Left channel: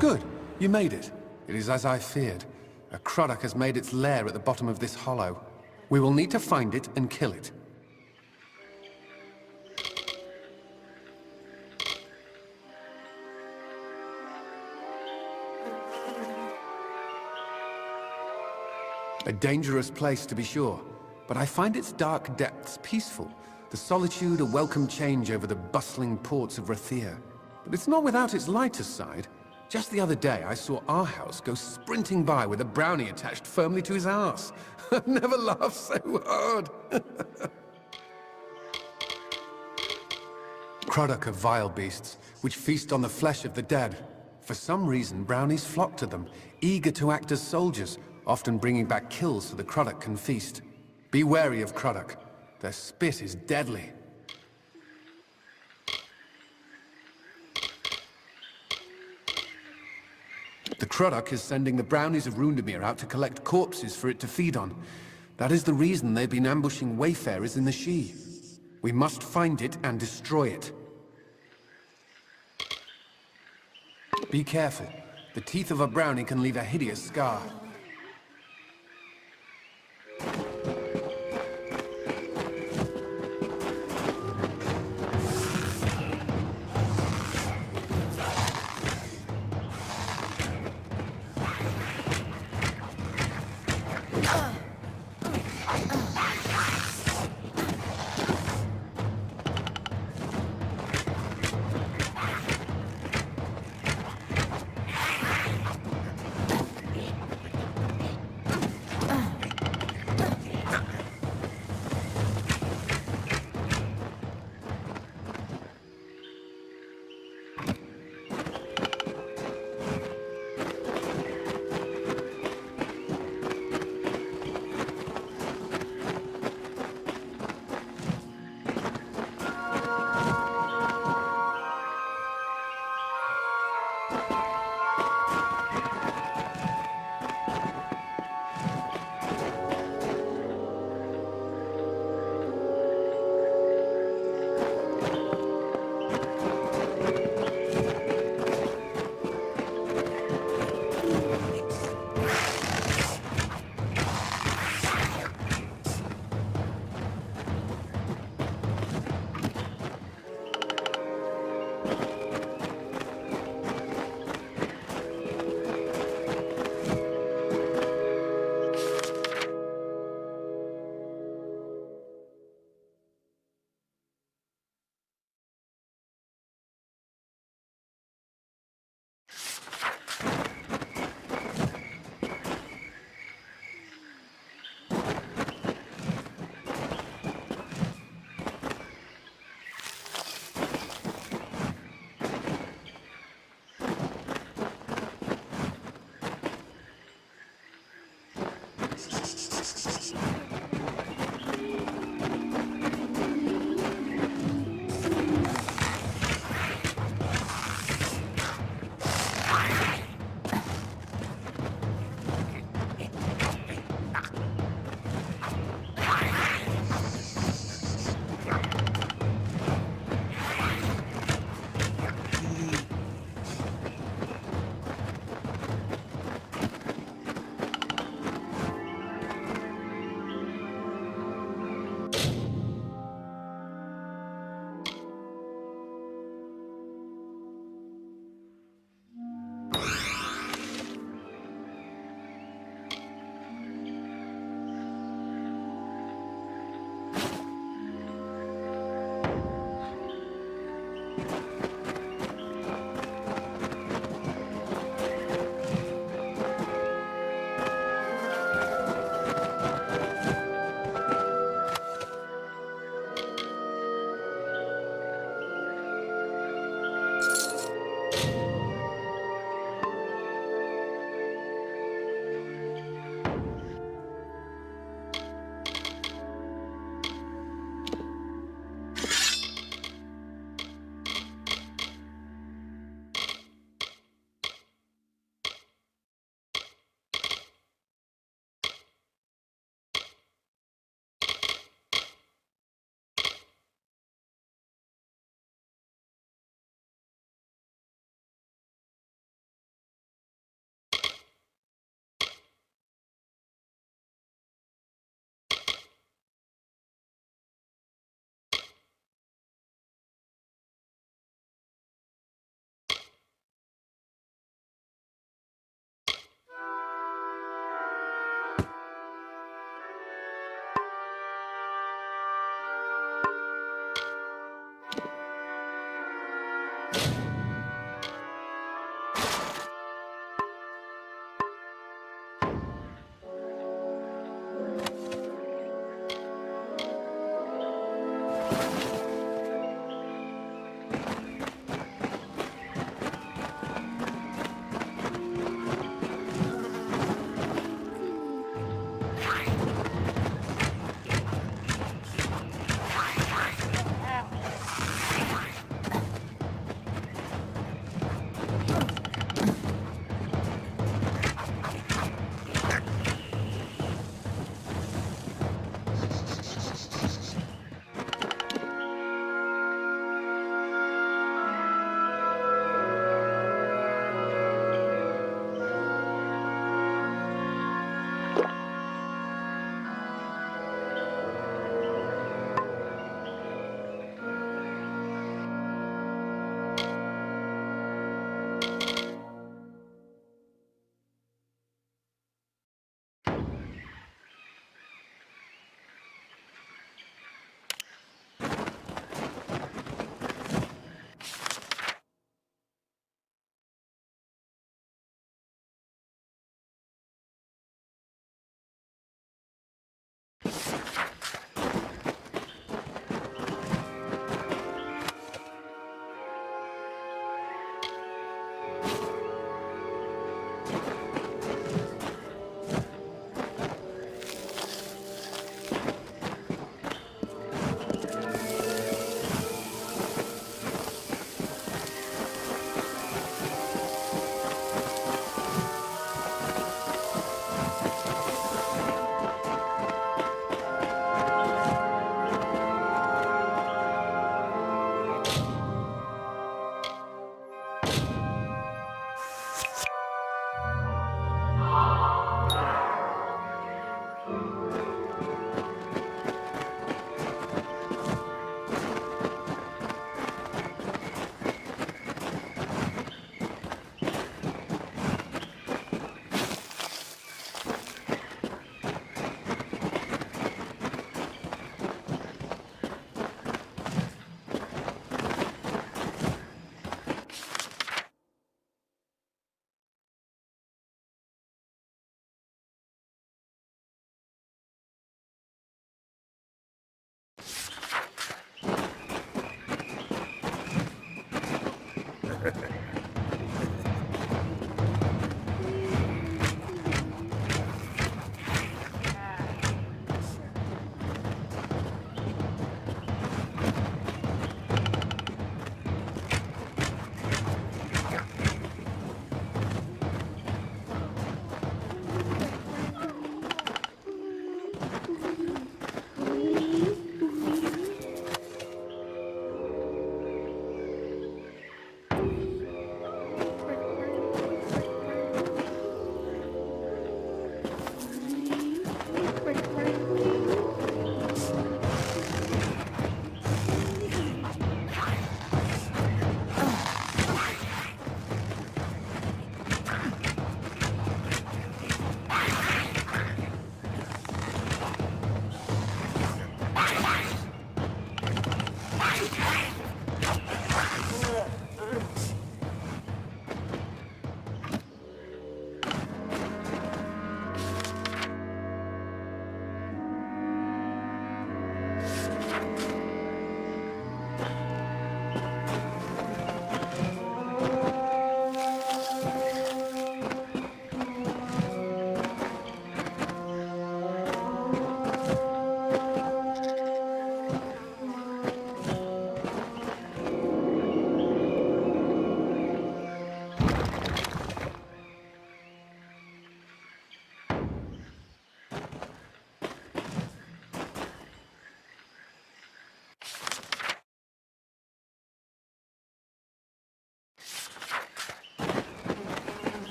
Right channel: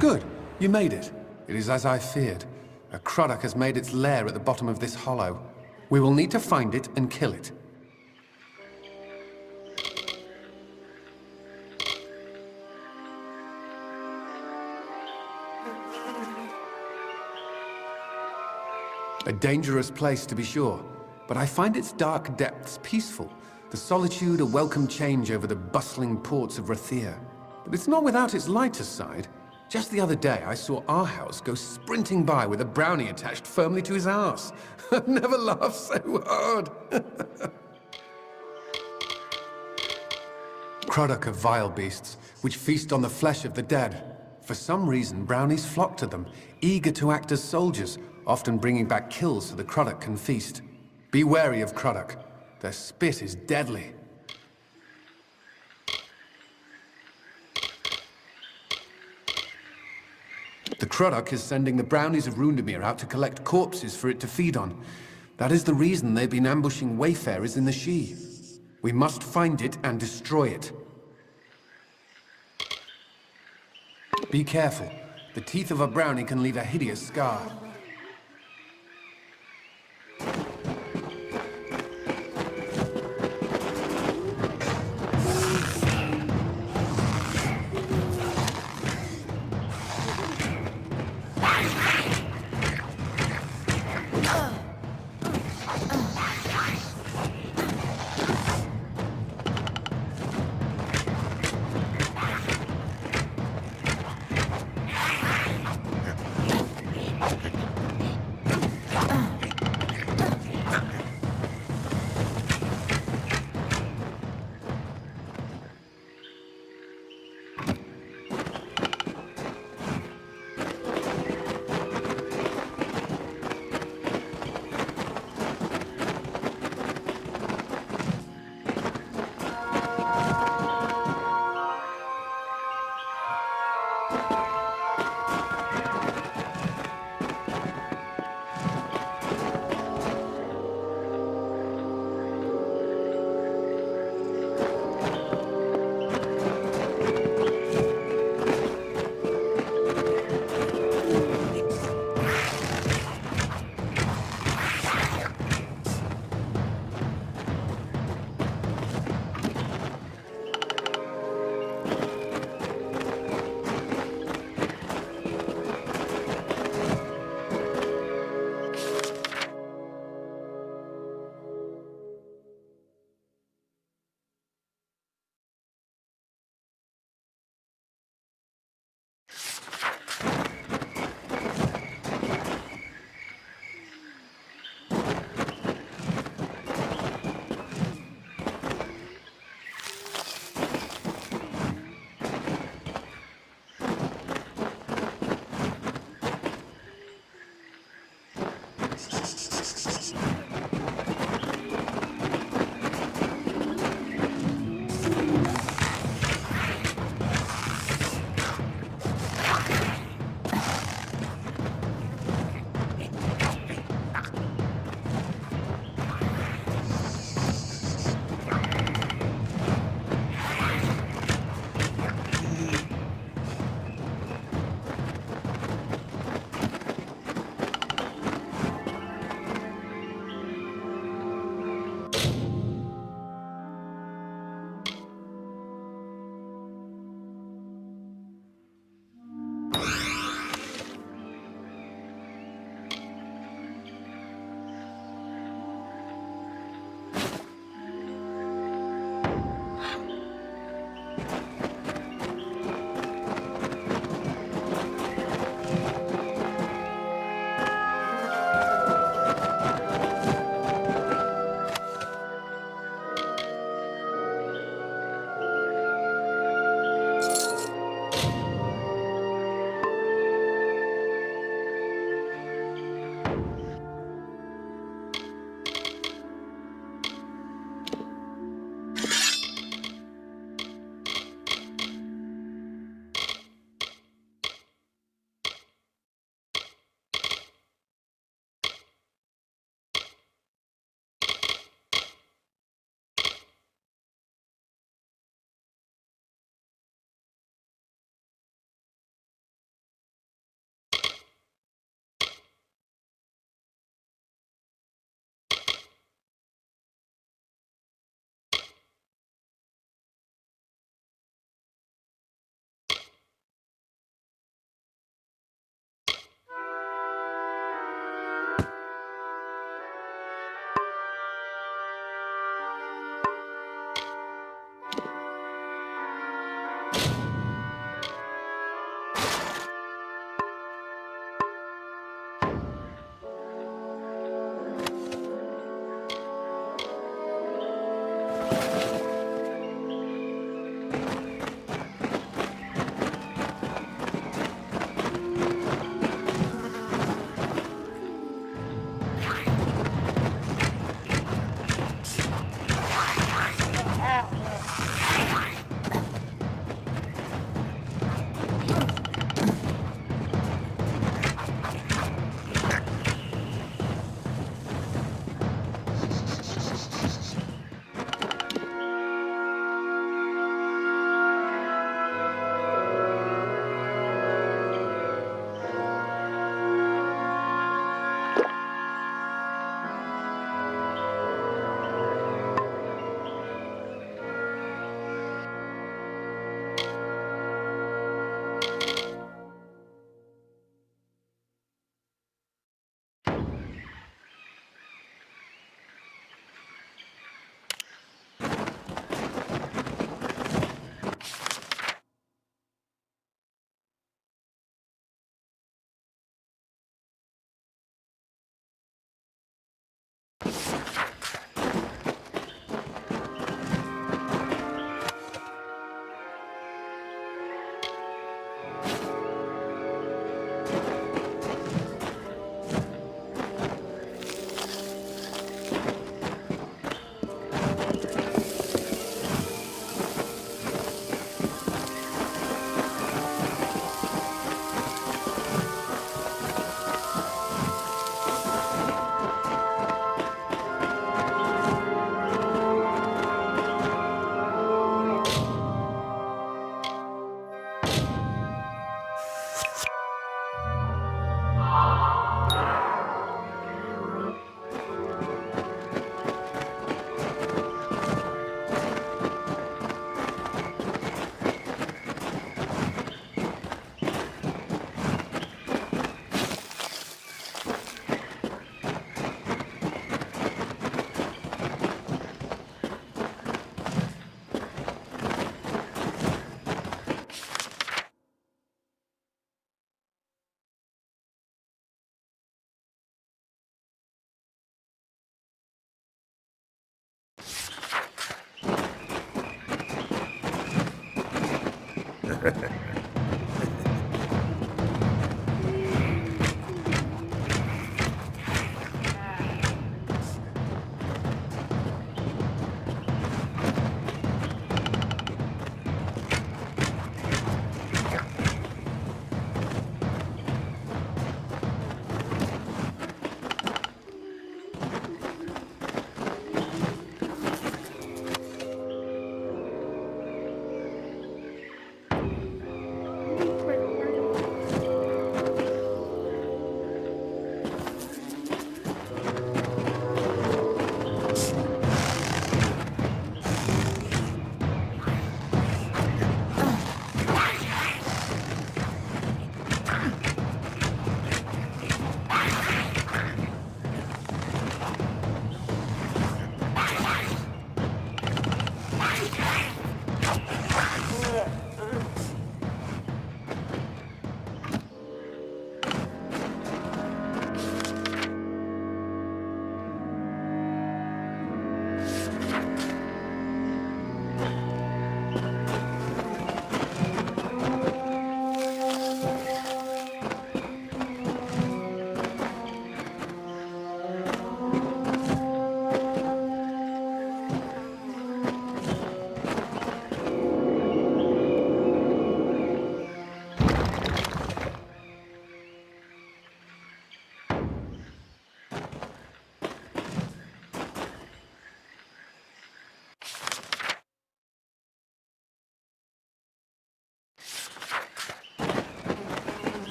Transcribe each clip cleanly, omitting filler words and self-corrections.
Good. You made it. It is as I feared. A Croddock has made its lair at the bottom of this hollow. We will need to find it and kill it. A dangerous place, to be sure, but I find its dark depths peaceful. The solitude a welcome change over the bustling ports of Rathir. But it's not without its lighter side. Just the other day, I saw our house go sprinting by with a brownie attached firmly to his arse. I've never laughed so hard. Croddock are vile beasts, which feast on the flesh of the dead. For some reason, brownies flock to them, eager to act as soldiers, often bringing back kills so the Croddock can feast. Be wary of Croddock. Their spit is deadly. The Croddock is sending the brownies of Rundemir out to collect corpses for it to feed on. That is the reason they've been ambushing wayfarers in the She. We must find it and destroy it. Be careful. The teeth of a brownie can leave a hideous scar.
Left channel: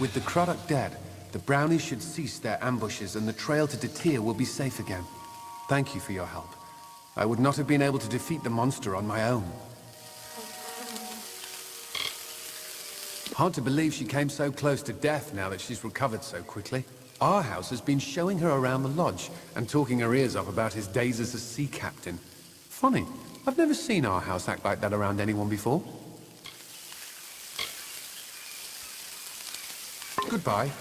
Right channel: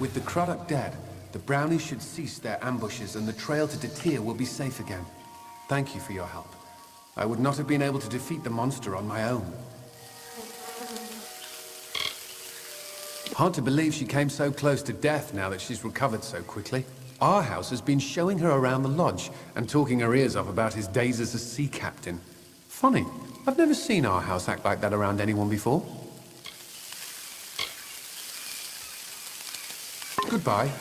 With the Croddock dead, the brownies should cease their ambushes and the trail to Detir will be safe again. Thank you for your help. I would not have been able to defeat the monster on my own. Hard to believe she came so close to death now that she's recovered so quickly. Our house has been showing her around the lodge and talking her ears off about his days as a sea captain. Funny, I've never seen our house act like that around anyone before. Goodbye.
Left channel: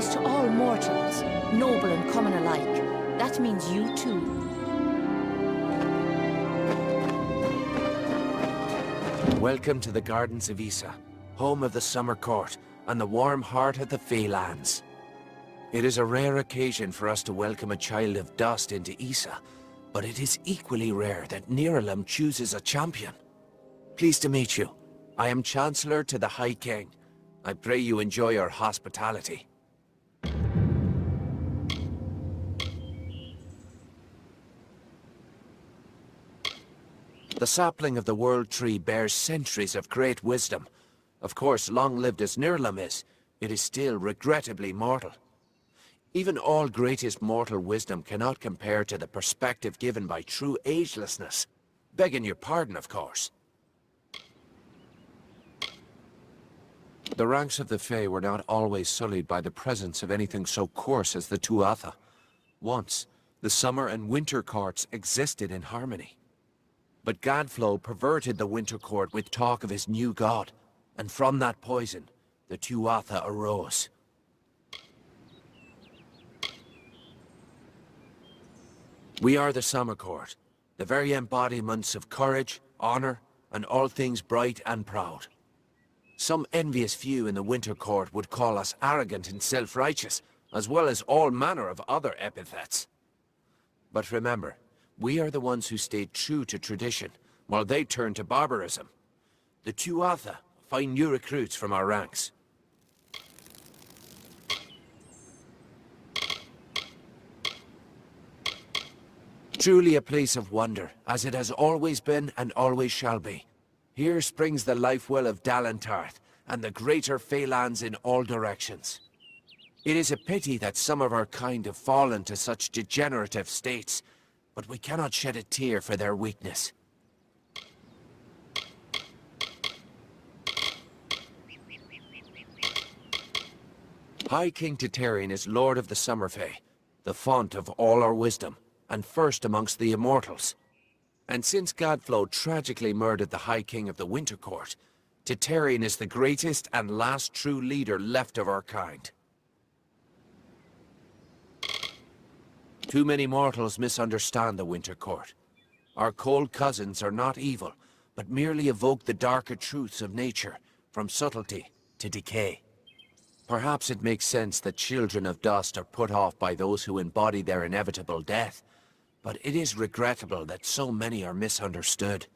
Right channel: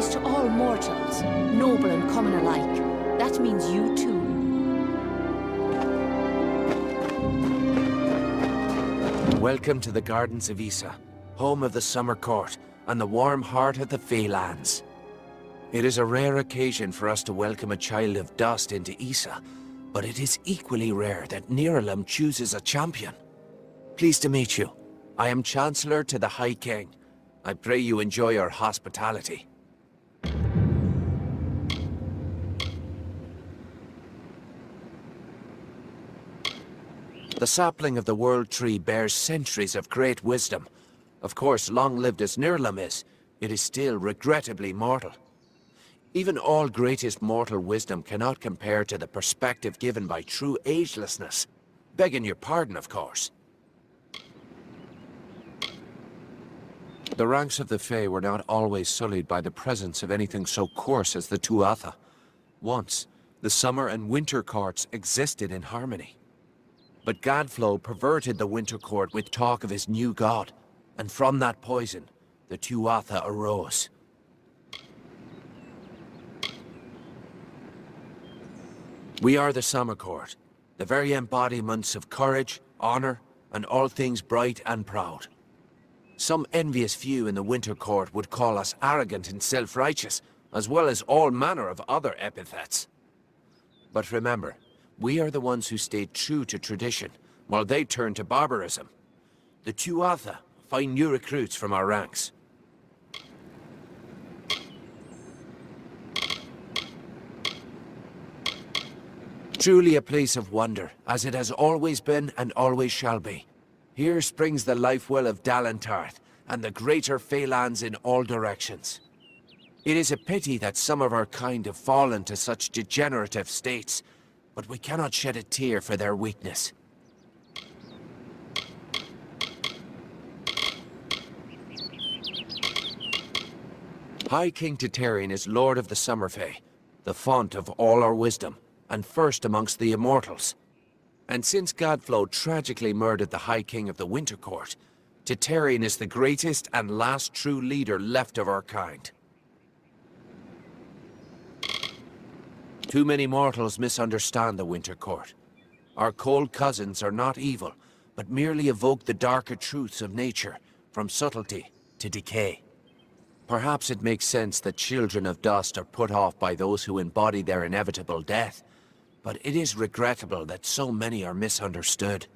To all mortals, noble and common alike. That means you too. Welcome to the Gardens of Issa, home of the Summer Court and the warm heart of the Feylands. It is a rare occasion for us to welcome a child of dust into Issa, but it is equally rare that Niralim chooses a champion. Pleased to meet you. I am Chancellor to the High King. I pray you enjoy our hospitality. The sapling of the World Tree bears centuries of great wisdom. Of course, long-lived as Nirlam is, it is still regrettably mortal. Even all greatest mortal wisdom cannot compare to the perspective given by true agelessness. Begging your pardon, of course. The ranks of the Fae were not always sullied by the presence of anything so coarse as the Tuatha. Once, the summer and winter courts existed in harmony. But Gadflow perverted the winter court with talk of his new god, and from that poison, the Tuatha arose. We are the summer court, the very embodiments of courage, honor, and all things bright and proud. Some envious few in the winter court would call us arrogant and self-righteous, as well as all manner of other epithets. But remember, we are the ones who stayed true to tradition, while they turned to barbarism. The Tuatha find new recruits from our ranks. Truly a place of wonder, as it has always been and always shall be. Here springs the life well of Dalentarth, and the greater Phalanx in all directions. It is a pity that some of our kind have fallen to such degenerative states, but we cannot shed a tear for their weakness. High King Titarian is Lord of the Summer Fae, the font of all our wisdom, and first amongst the immortals. And since Gadflow tragically murdered the High King of the Winter Court, Titarian is the greatest and last true leader left of our kind. Too many mortals misunderstand the Winter Court. Our cold cousins are not evil, but merely evoke the darker truths of nature, from subtlety to decay. Perhaps it makes sense that children of dust are put off by those who embody their inevitable death, but it is regrettable that so many are misunderstood.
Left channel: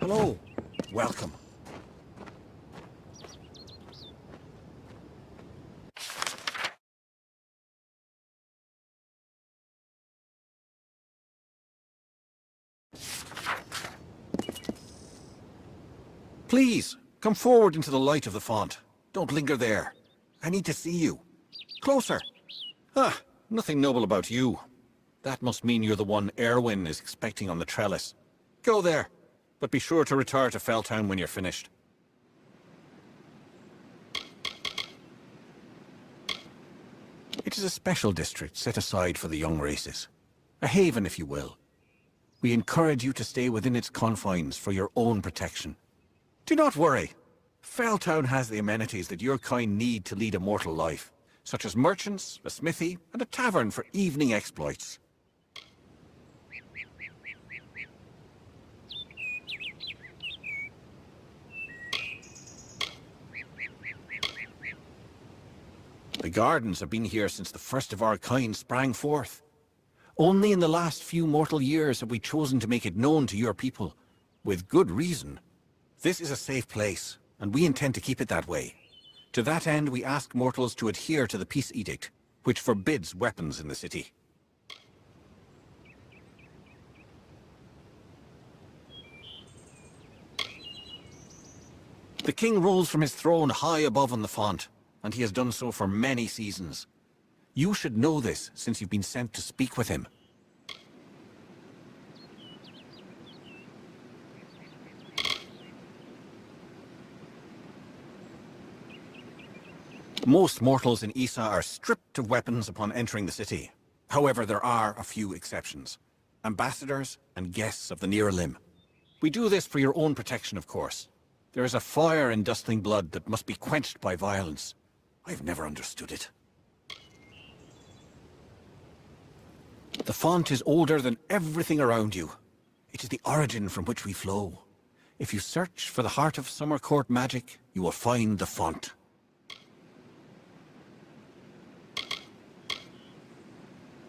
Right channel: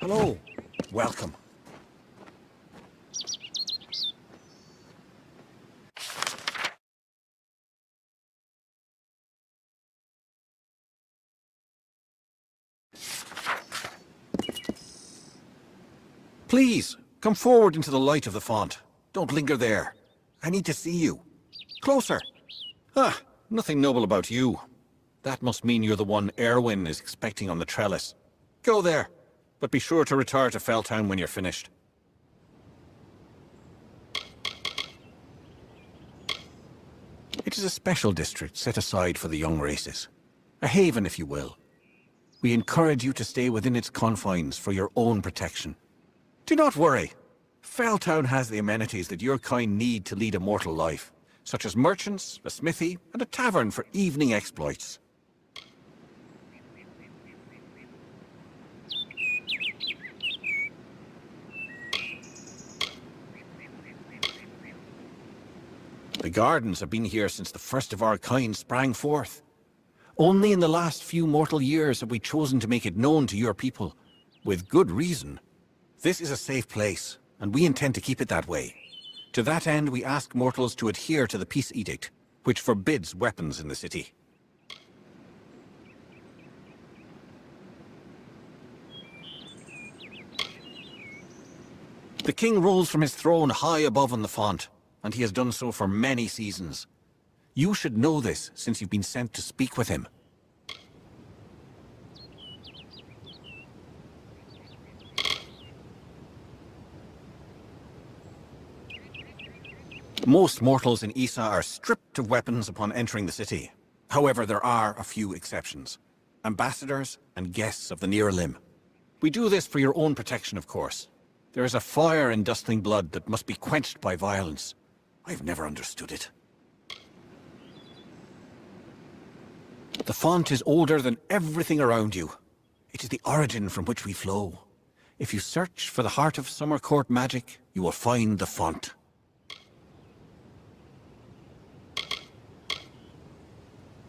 Hello. Welcome. Please, come forward into the light of the font. Don't linger there. I need to see you. Closer. Ah, nothing noble about you. That must mean you're the one Erwin is expecting on the trellis. Go there, but be sure to retire to Felltown when you're finished. It is a special district set aside for the young races. A haven, if you will. We encourage you to stay within its confines for your own protection. Do not worry. Felltown has the amenities that your kind need to lead a mortal life, such as merchants, a smithy, and a tavern for evening exploits. The gardens have been here since the first of our kind sprang forth. Only in the last few mortal years have we chosen to make it known to your people, with good reason. This is a safe place, and we intend to keep it that way. To that end, we ask mortals to adhere to the Peace Edict, which forbids weapons in the city. The king rules from his throne high above on the font, and he has done so for many seasons. You should know this, since you've been sent to speak with him. Most mortals in Issa are stripped of weapons upon entering the city. However, there are a few exceptions. Ambassadors and guests of the near limb. We do this for your own protection, of course. There is a fire in dustling blood that must be quenched by violence. I've never understood it. The font is older than everything around you. It is the origin from which we flow. If you search for the heart of Summer Court magic, you will find the font.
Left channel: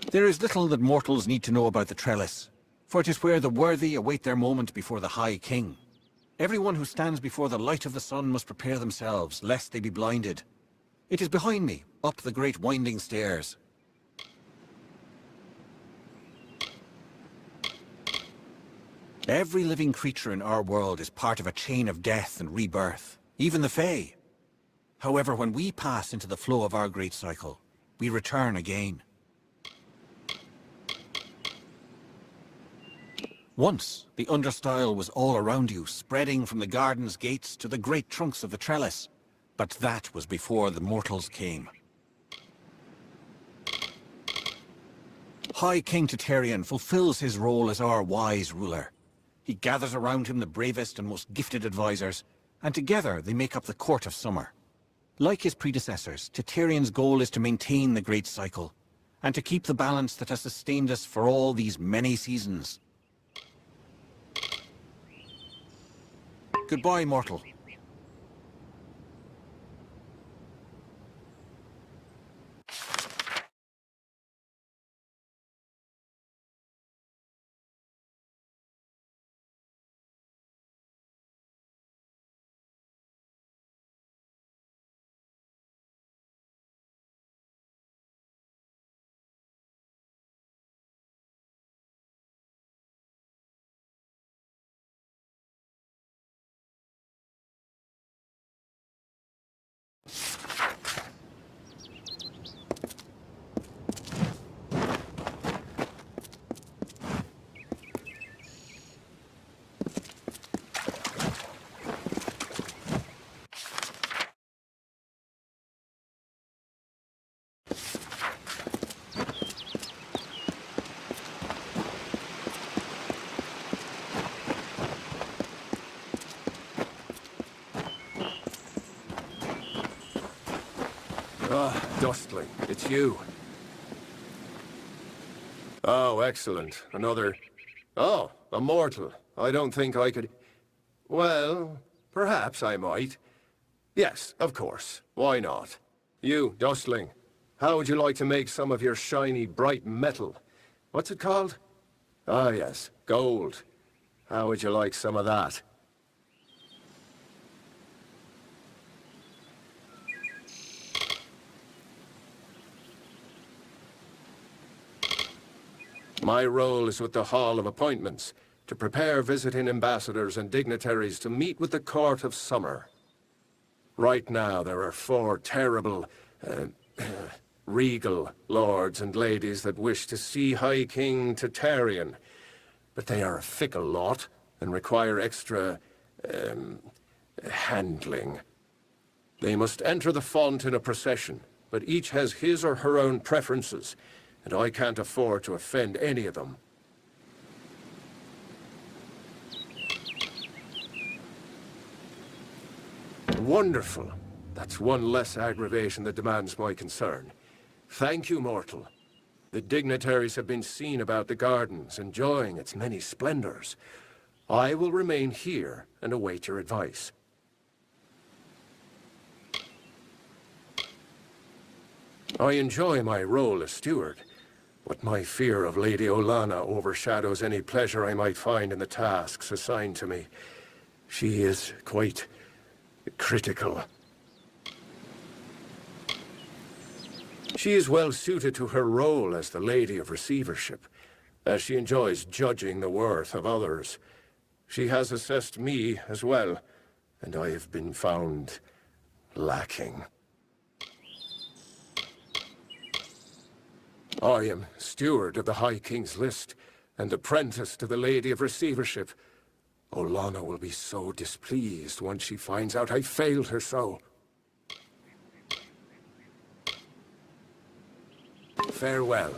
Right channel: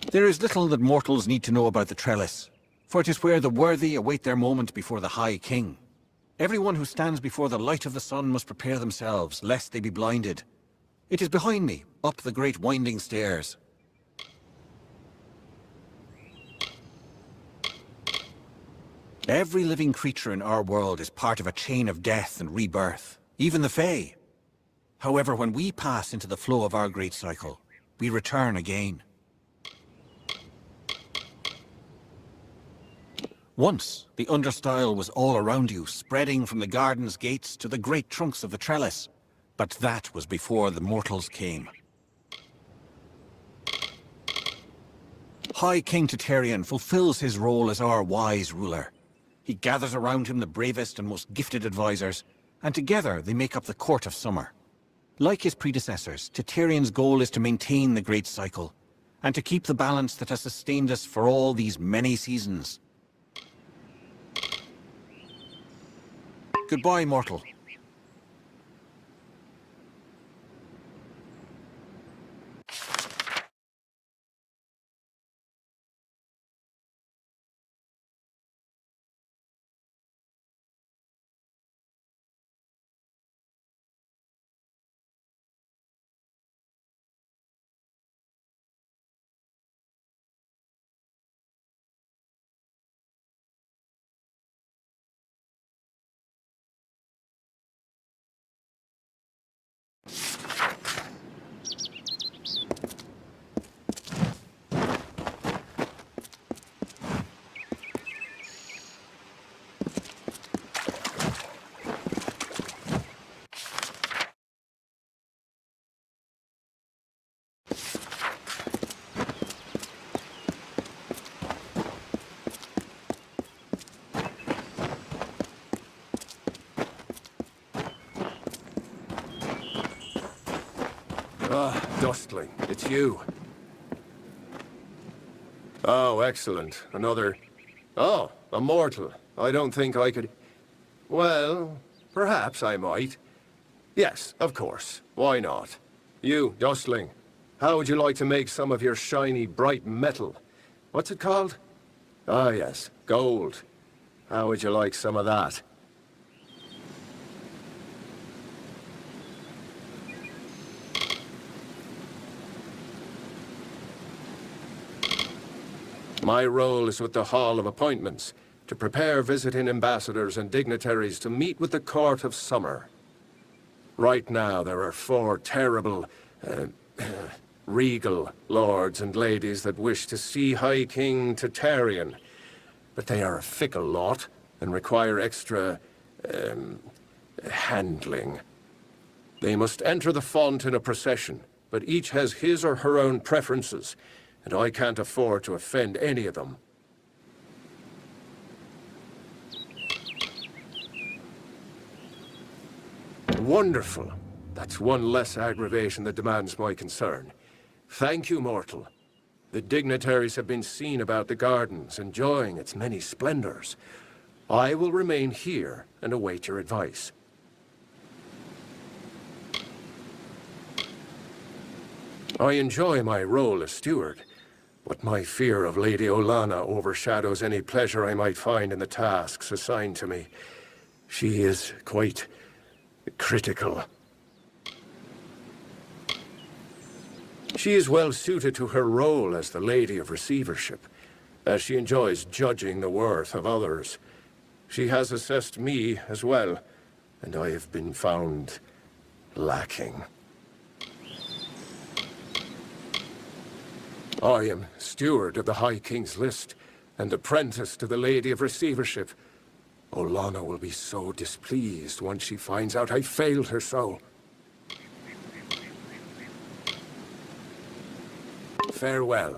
There is little that mortals need to know about the trellis, for it is where the worthy await their moment before the High King. Everyone who stands before the light of the sun must prepare themselves, lest they be blinded. It is behind me, up the great winding stairs. Every living creature in our world is part of a chain of death and rebirth, even the Fae. However, when we pass into the flow of our great cycle, we return again. Once, the understyle was all around you, spreading from the garden's gates to the great trunks of the trellis. But that was before the mortals came. High King Titarian fulfills his role as our wise ruler. He gathers around him the bravest and most gifted advisors, and together they make up the Court of Summer. Like his predecessors, Titarian's goal is to maintain the great cycle, and to keep the balance that has sustained us for all these many seasons. Goodbye, mortal. Dustling, it's you. Oh, excellent. Another... Oh, a mortal. I don't think I could... Well, perhaps I might. Yes, of course. Why not? You, Dustling, how would you like to make some of your shiny, bright metal? What's it called? Ah, yes, gold. How would you like some of that? My role is with the Hall of Appointments, to prepare visiting ambassadors and dignitaries to meet with the Court of Summer. Right now, there are 4 terrible, regal lords and ladies that wish to see High King Titarian. But they are a fickle lot, and require extra, handling. They must enter the font in a procession, but each has his or her own preferences, and I can't afford to offend any of them. Wonderful. That's one less aggravation that demands my concern. Thank you, mortal. The dignitaries have been seen about the gardens, enjoying its many splendors. I will remain here and await your advice. I enjoy my role as steward, but my fear of Lady Olana overshadows any pleasure I might find in the tasks assigned to me. She is quite critical. She is well suited to her role as the Lady of Receivership, as she enjoys judging the worth of others. She has assessed me as well, and I have been found lacking. I am steward of the High King's list, and apprentice to the Lady of Receivership. Olana will be so displeased once she finds out I failed her so. Farewell.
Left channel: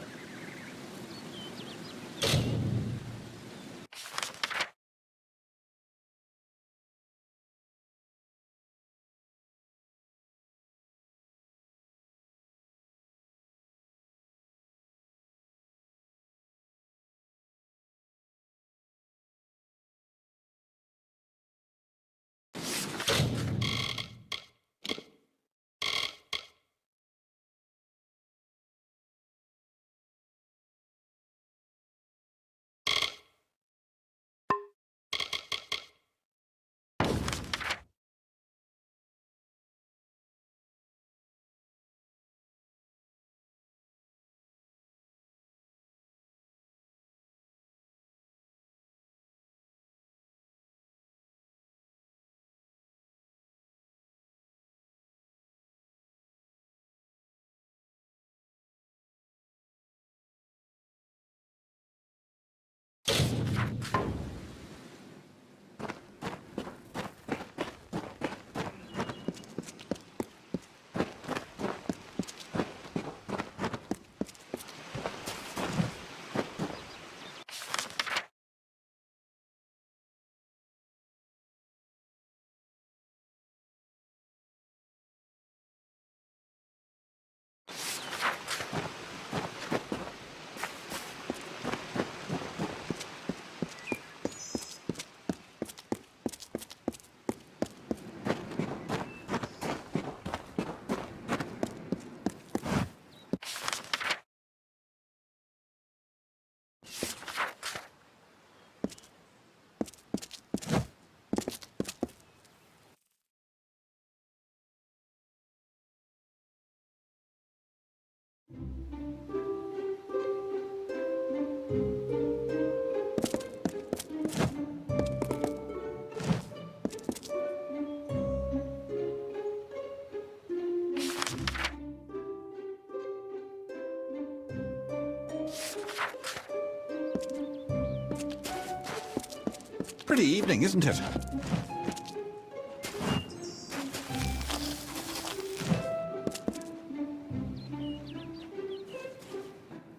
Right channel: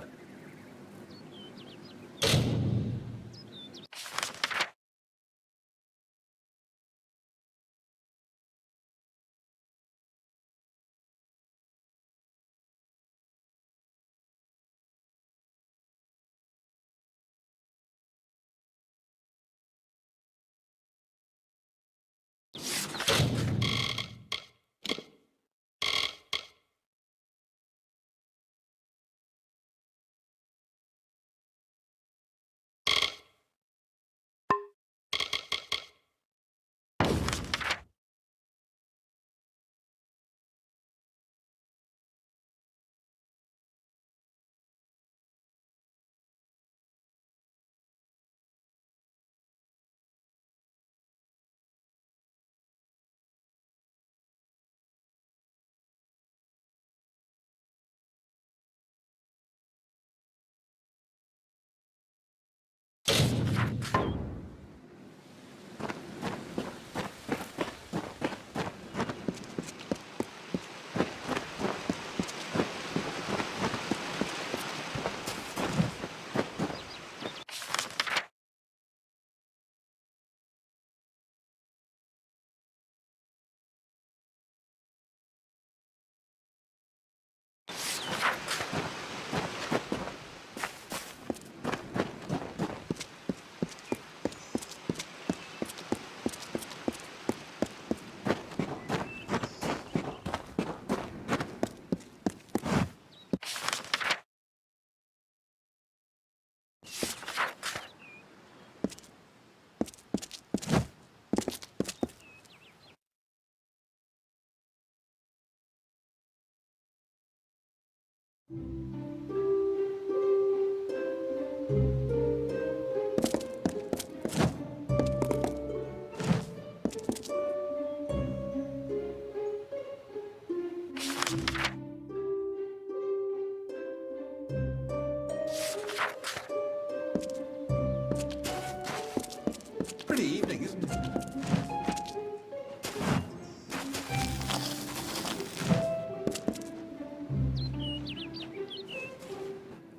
Pretty evening, isn't it?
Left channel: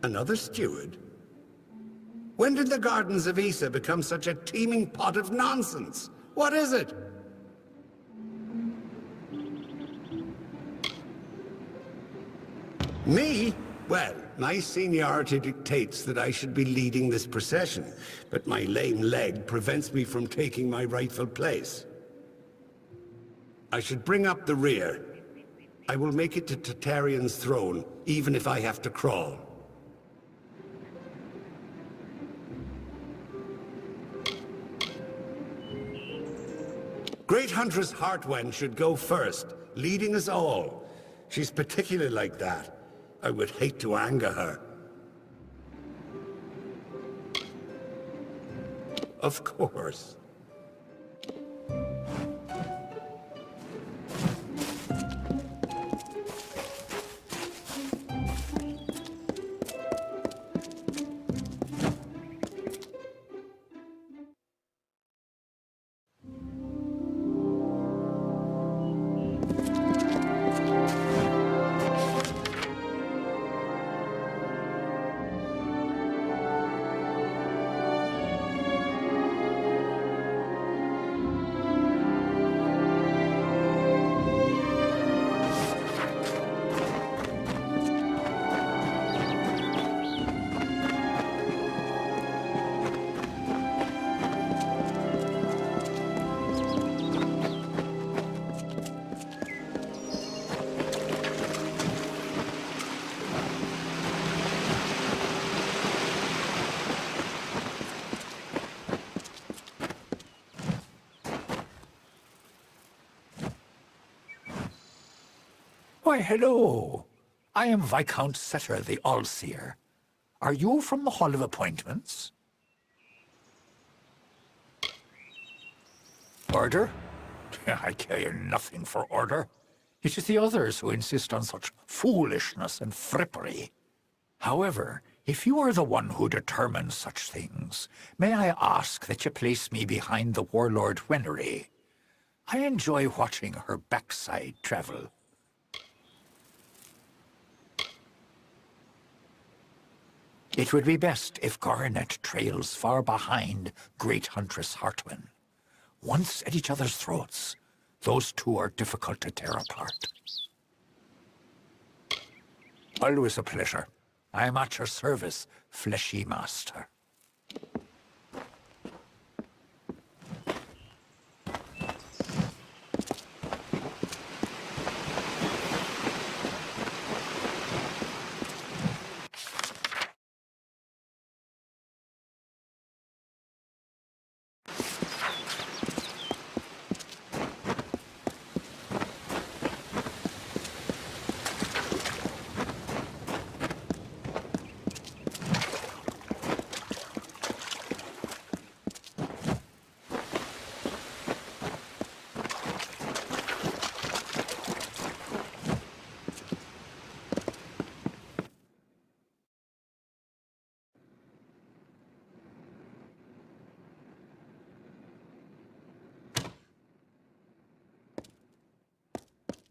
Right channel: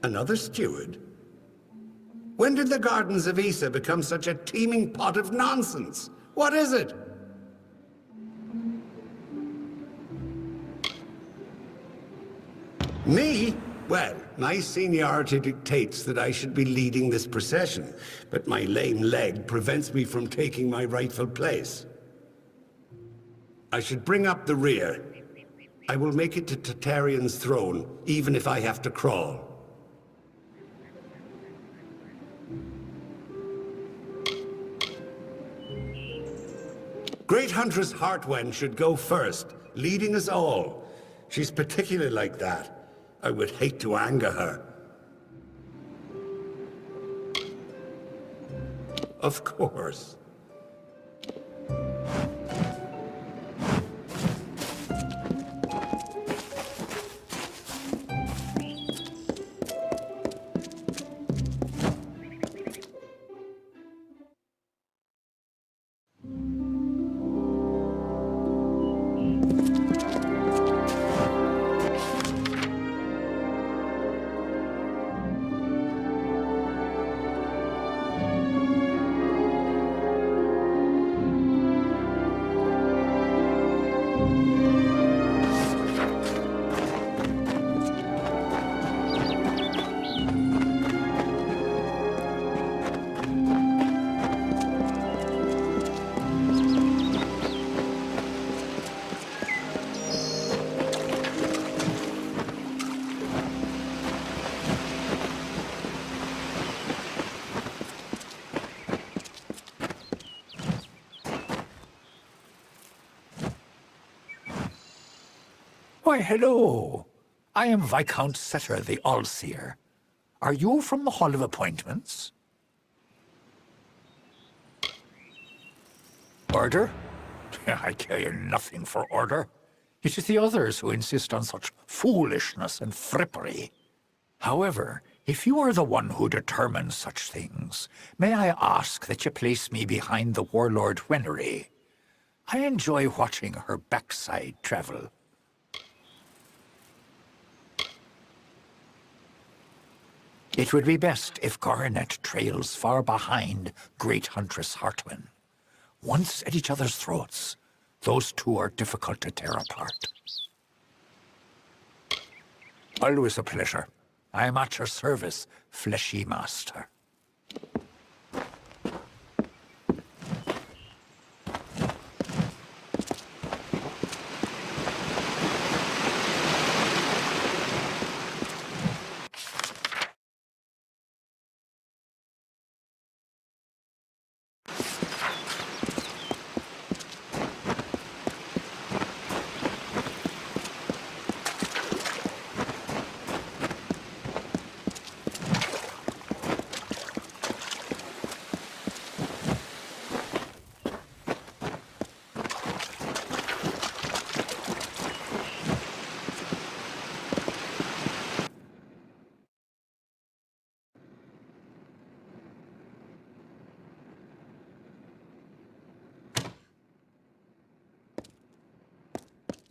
Another steward? When did the Gardens of Issa become such a teeming pot of nonsense? What is it? Me? Well, my seniority dictates that I should be leading this procession, but my lame leg prevents me from taking my rightful place. I should bring up the rear. I will make it to Tartarean's throne, even if I have to crawl. Great Huntress Heartwen should go first, leading us all. She's particularly like that. I would hate to anger her. Of course. Why, hello. I am Viscount Setter the All-Seer. Are you from the Hall of Appointments? Order? I care nothing for order. It is the others who insist on such foolishness and frippery. However, if you are the one who determines such things, may I ask that you place me behind the warlord Wenery? I enjoy watching her backside travel. It would be best if Coronet trails far behind Great Huntress Heartwen. Once at each other's throats, those two are difficult to tear apart. Always a pleasure. I am at your service, fleshy master.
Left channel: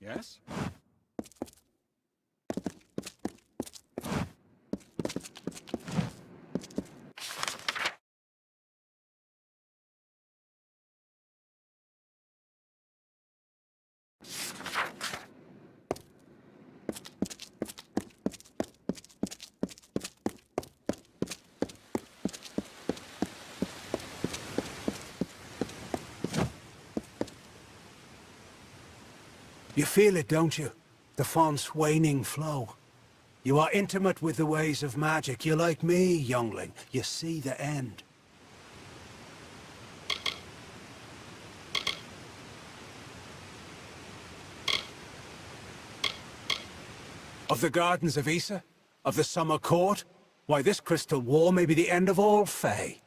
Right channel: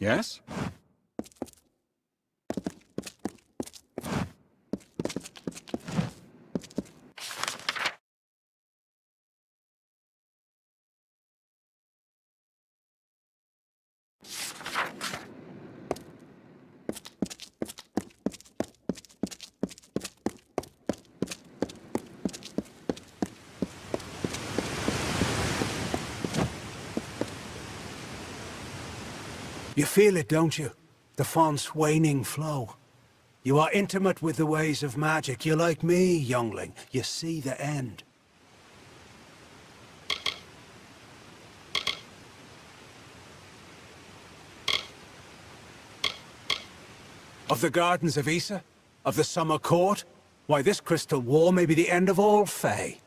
Yes? You feel it, don't you? The font's waning flow. You are intimate with the ways of magic. You're like me, youngling. You see the end. Of the Gardens of Issa? Of the Summer Court? Why, this crystal war may be the end of all Fae.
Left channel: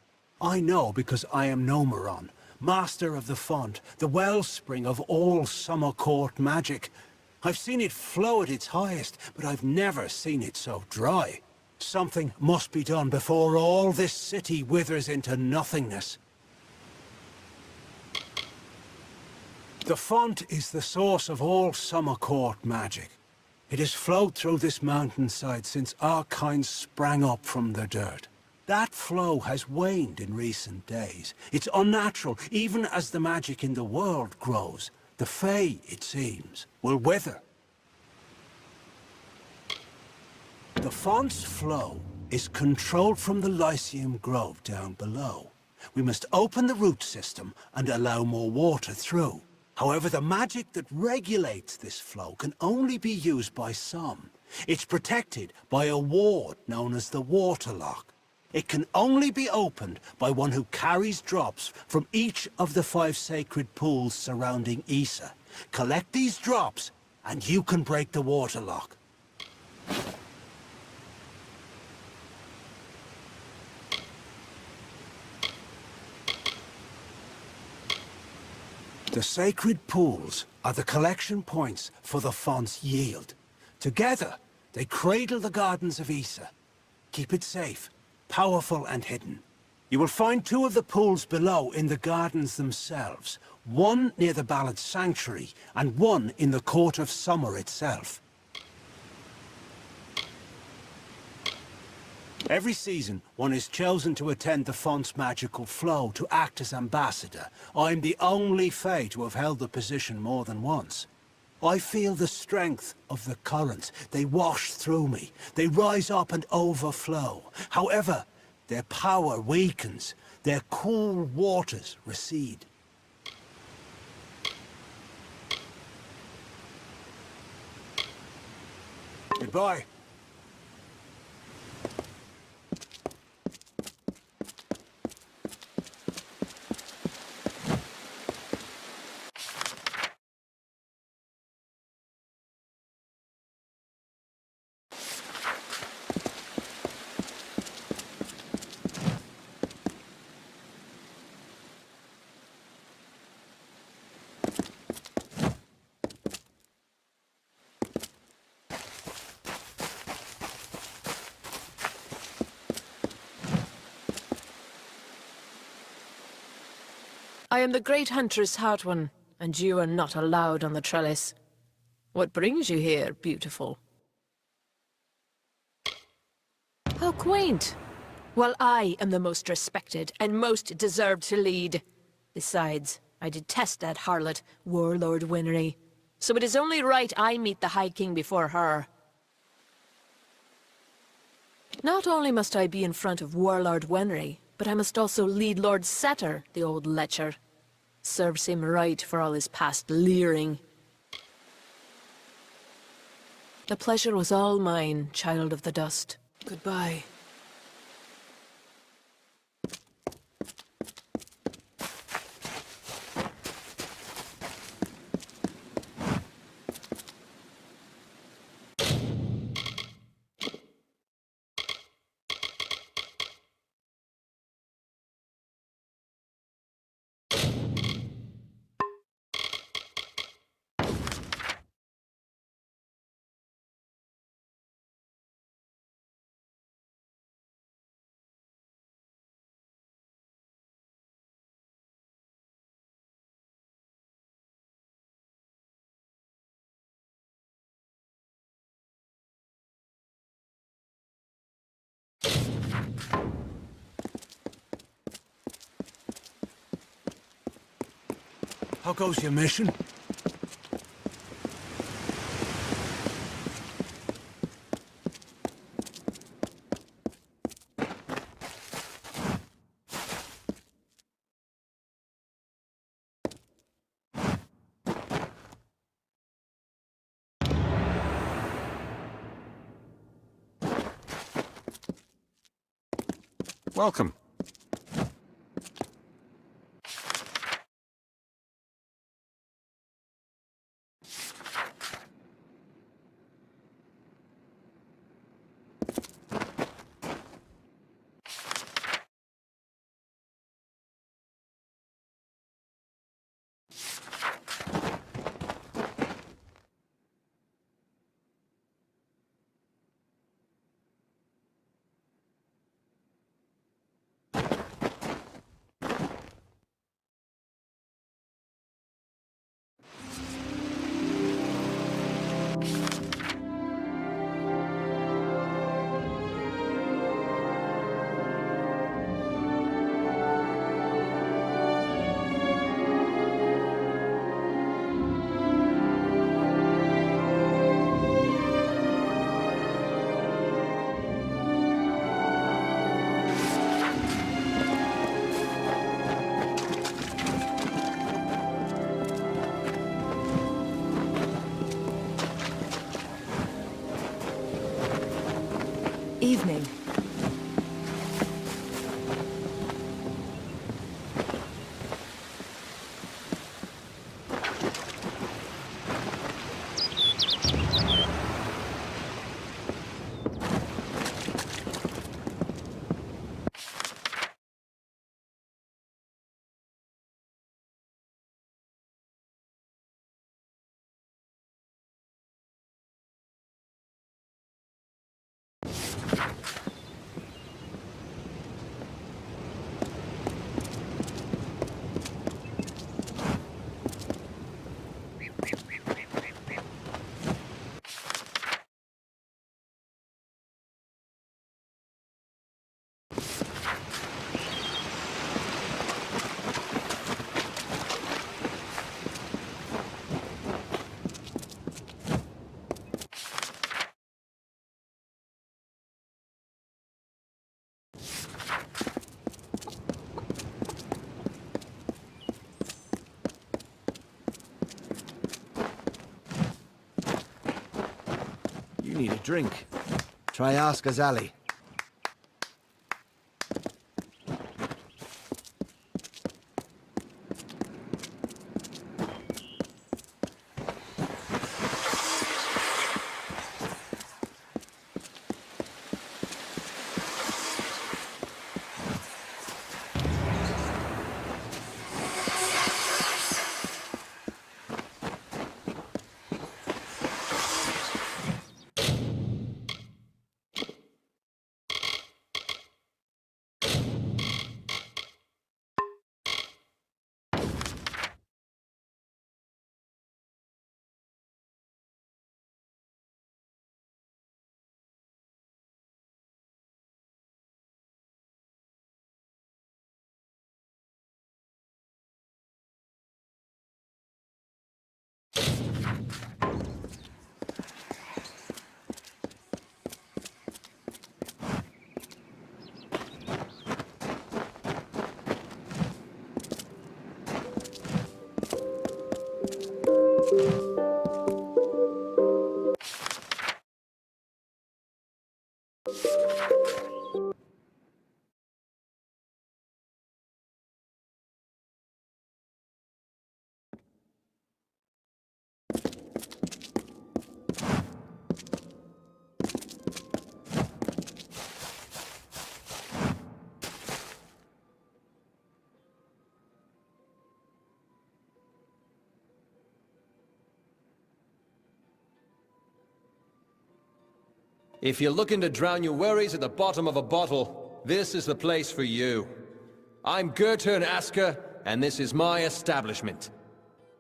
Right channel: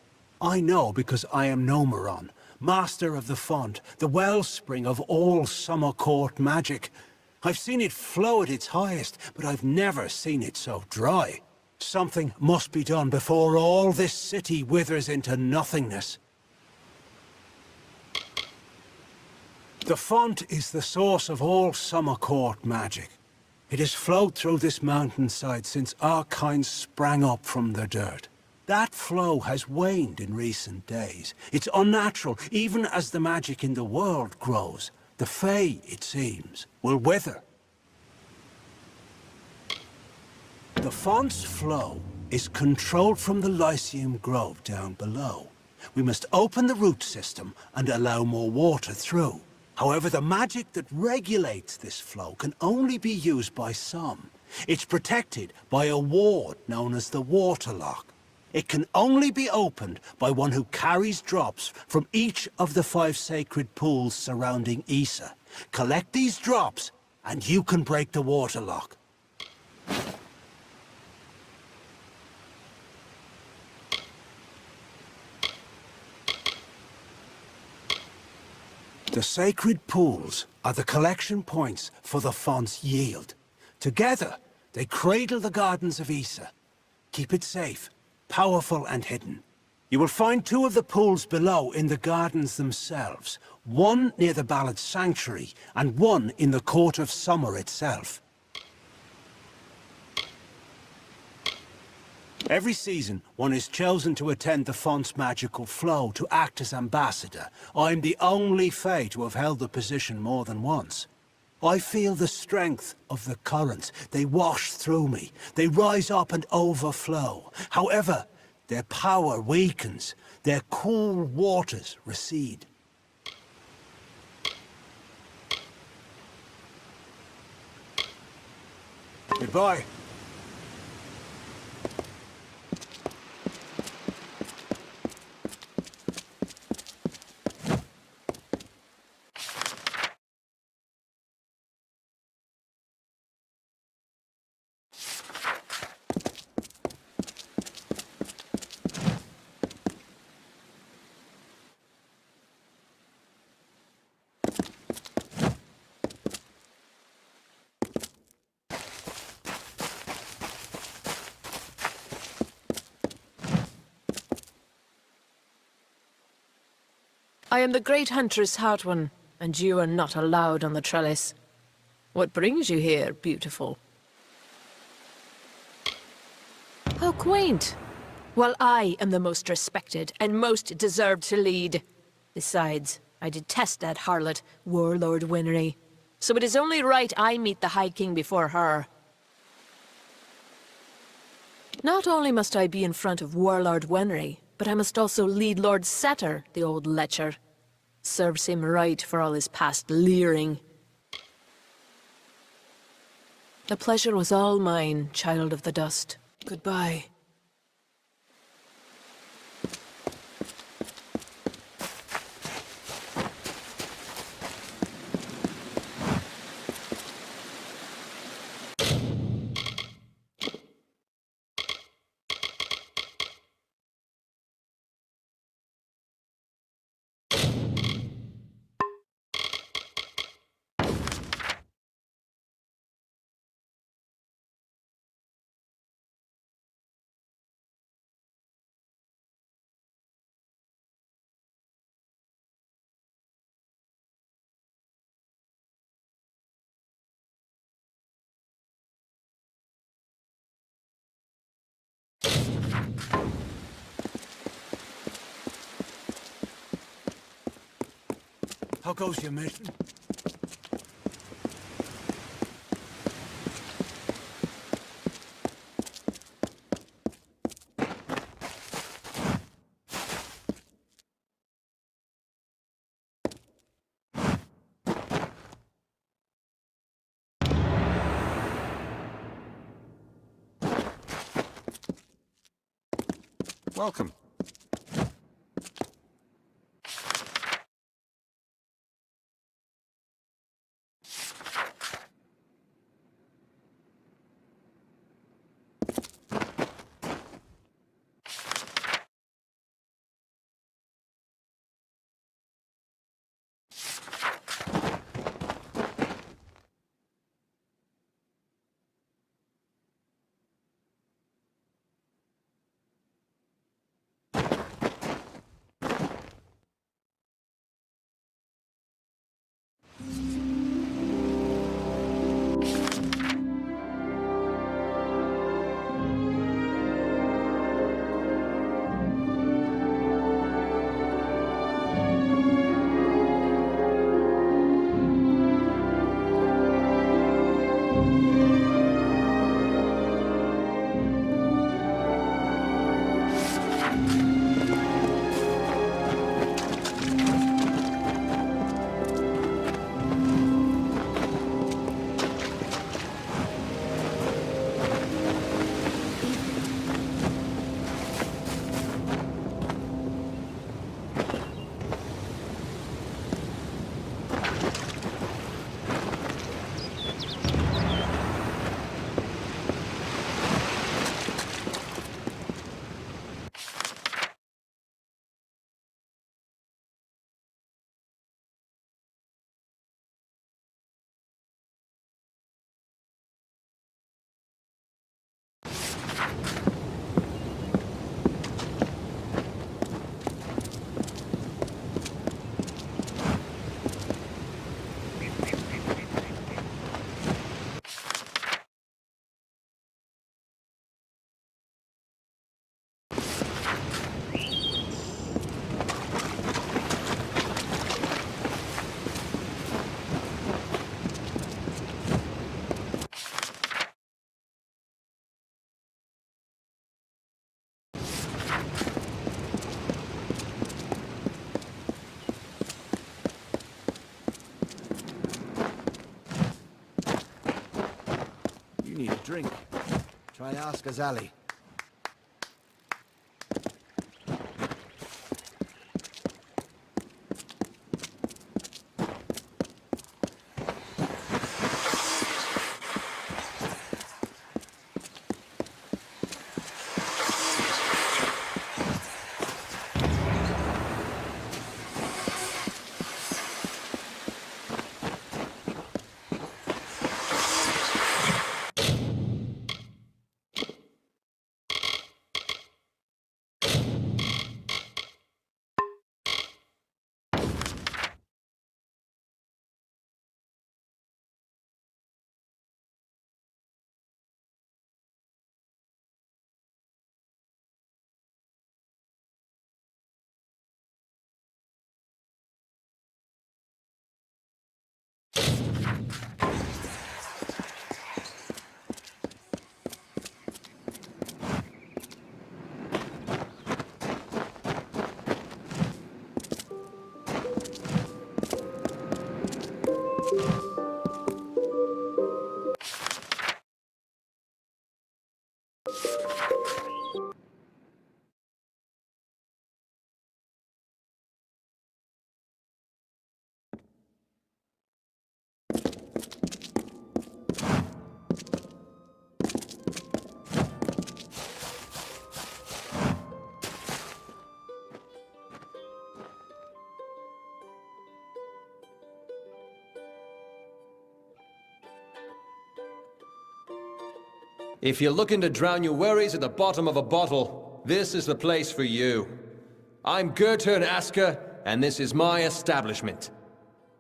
I know because I am Nomeron, master of the font, the wellspring of all Summer Court magic. I've seen it flow at its highest, but I've never seen it so dry. Something must be done before all this city withers into nothingness. The font is the source of all Summer Court magic. It has flowed through this mountainside since our kind sprang up from the dirt. That flow has waned in recent days. It's unnatural, even as the magic in the world grows. The Fae, it seems, will wither. The font's flow is controlled from the Lyceum Grove down below. We must open the root system and allow more water through. However, the magic that regulates this flow can only be used by some. It's protected by a ward known as the Waterlock. It can only be opened by one who carries drops from each of the 5 sacred pools surrounding Issa. Collect these drops, and you can break the Waterlock. The sacred pools are the collection points for the font's yield. Together, they cradle the gardens of Issa. Keep it safe, powerful and hidden. You will find 2 of the pools below in the gardens themselves. One near the Ballad Sanctuary, and one in the Court of Summer itself. Every season, one is chosen to attend the font's magical flow, to act as ambassador. I'm the only Fae to have held the position more than once. I feel the strength of the currents. They wash through me. They rise up and overflow. However, their power weakens. Their cool waters recede. Goodbye. I am the great huntress Hartwin, and you are not allowed on the trellis. What brings you here, beautiful? How quaint! Well, I am the most respected and most deserved to lead. Besides, I detest that harlot, Warlord Winry. So it is only right I meet the High King before her. Not only must I be in front of Warlord Winry, but I must also lead Lord Setter, the old lecher. Serves him right for all his past leering. The pleasure was all mine, child of the dust. Goodbye. How goes your mission? Welcome. drink. Try ask Azali. If you're looking to drown your worries at the bottom of a bottle, this is the place for you. I'm Gurtun Asker, and this is my establishment.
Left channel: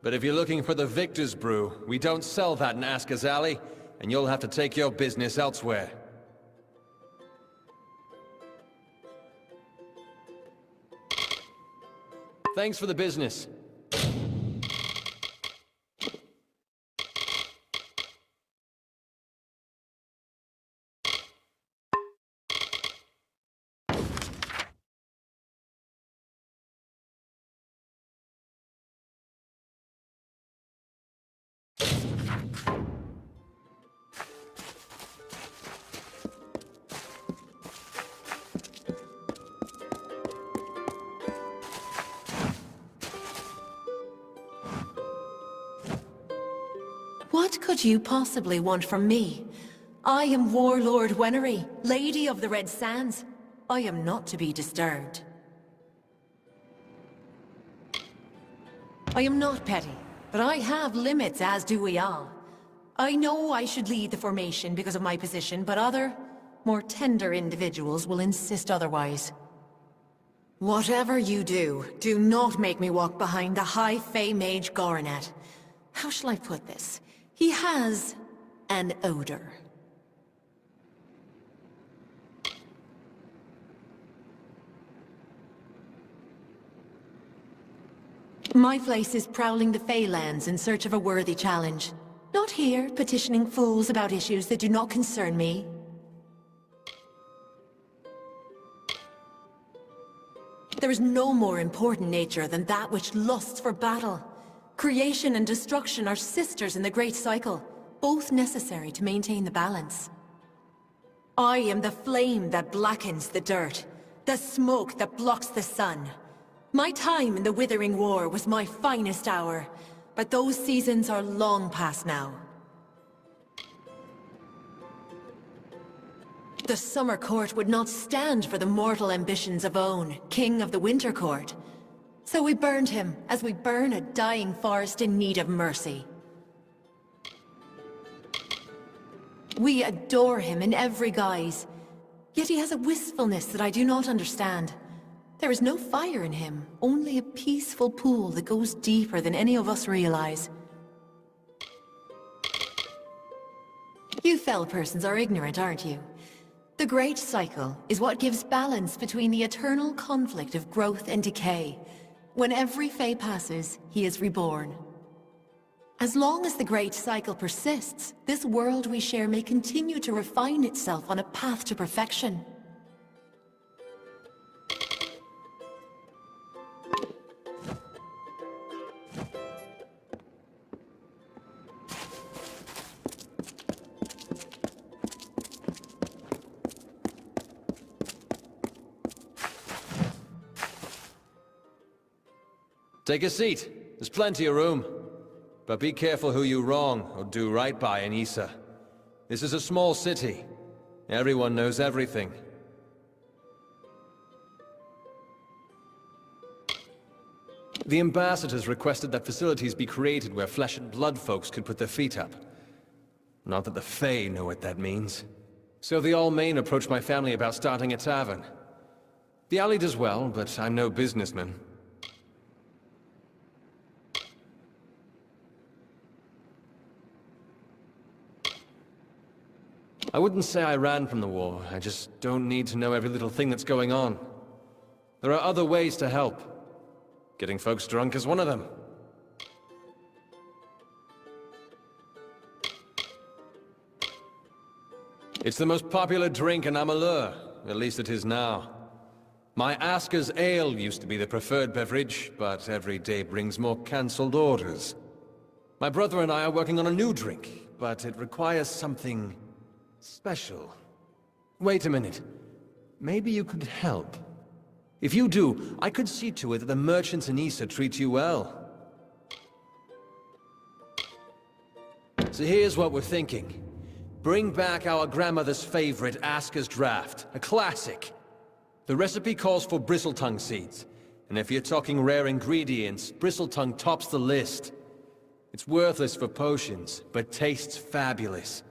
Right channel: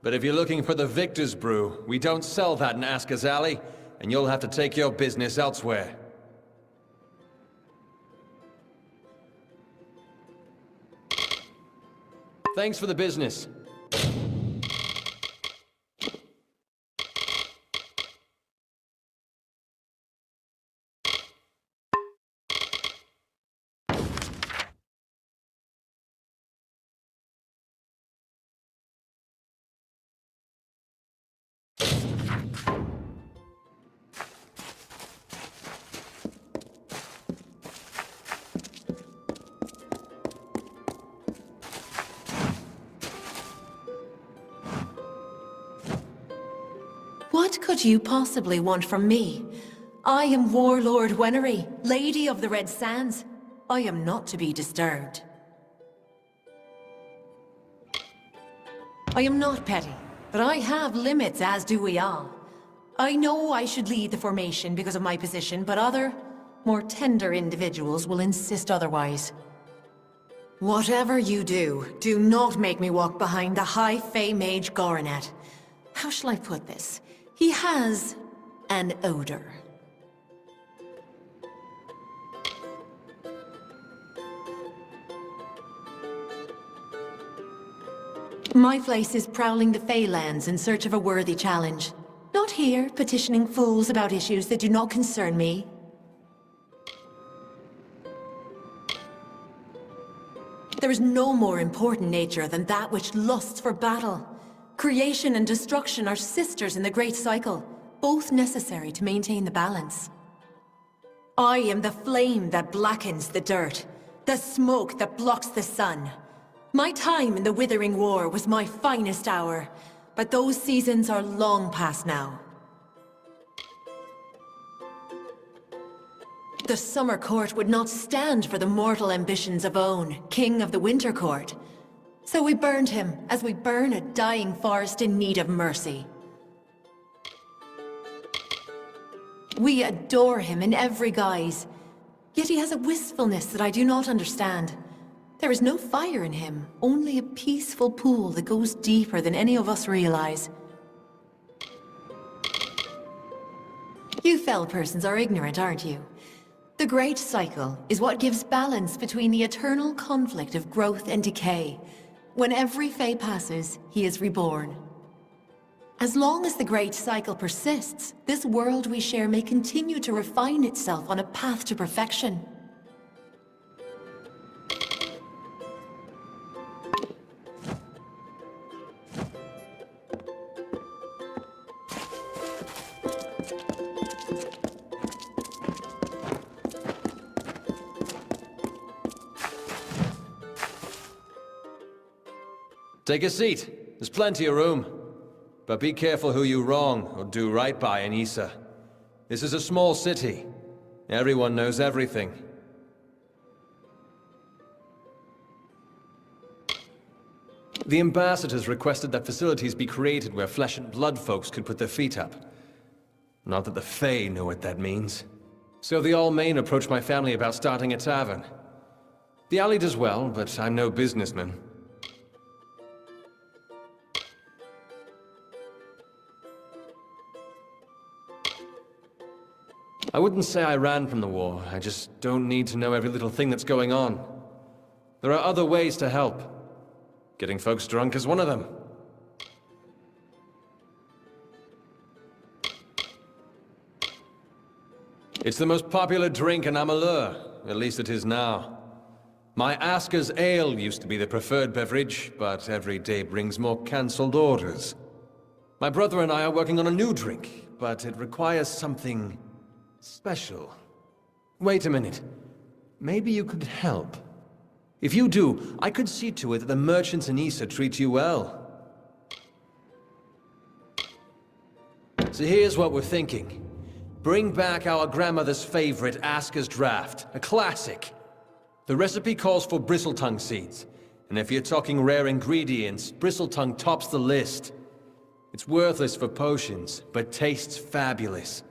But if you're looking for the Victor's Brew, we don't sell that in Asker's Alley, and you'll have to take your business elsewhere. Thanks for the business. What could you possibly want from me? I am Warlord Wenery, Lady of the Red Sands. I am not to be disturbed. I am not petty, but I have limits, as do we all. I know I should lead the formation because of my position, but other, more tender individuals will insist otherwise. Whatever you do, do not make me walk behind the High Fae Mage Goronet. How shall I put this? He has an odor. My place is prowling the Feylands in search of a worthy challenge. Not here, petitioning fools about issues that do not concern me. There is no more important nature than that which lusts for battle. Creation and destruction are sisters in the great cycle, both necessary to maintain the balance. I am the flame that blackens the dirt, the smoke that blocks the sun. My time in the Withering War was my finest hour, but those seasons are long past now. The Summer Court would not stand for the mortal ambitions of Own, King of the Winter Court. So we burned him, as we burn a dying forest in need of mercy. We adore him in every guise, yet he has a wistfulness that I do not understand. There is no fire in him, only a peaceful pool that goes deeper than any of us realize. You fell persons are ignorant, aren't you? The Great Cycle is what gives balance between the eternal conflict of growth and decay. When every Fae passes, he is reborn. As long as the Great Cycle persists, this world we share may continue to refine itself on a path to perfection. Take a seat. There's plenty of room. But be careful who you wrong or do right by in Issa. This is a small city. Everyone knows everything. The ambassadors requested that facilities be created where flesh and blood folks could put their feet up. Not that the Fae know what that means. So the Allmain approached my family about starting a tavern. The alley does well, but I'm no businessman. I wouldn't say I ran from the war. I just don't need to know every little thing that's going on. There are other ways to help. Getting folks drunk is one of them. It's the most popular drink in Amalur. At least it is now. My Asker's ale used to be the preferred beverage, but every day brings more cancelled orders. My brother and I are working on a new drink, but it requires something special. Wait a minute. Maybe you could help. If you do, I could see to it that the merchants in Issa treat you well. So here's what we're thinking. Bring back our grandmother's favorite, Asker's Draft, a classic. The recipe calls for bristletongue seeds, and if you're talking rare ingredients, bristletongue tops the list. It's worthless for potions, but tastes fabulous.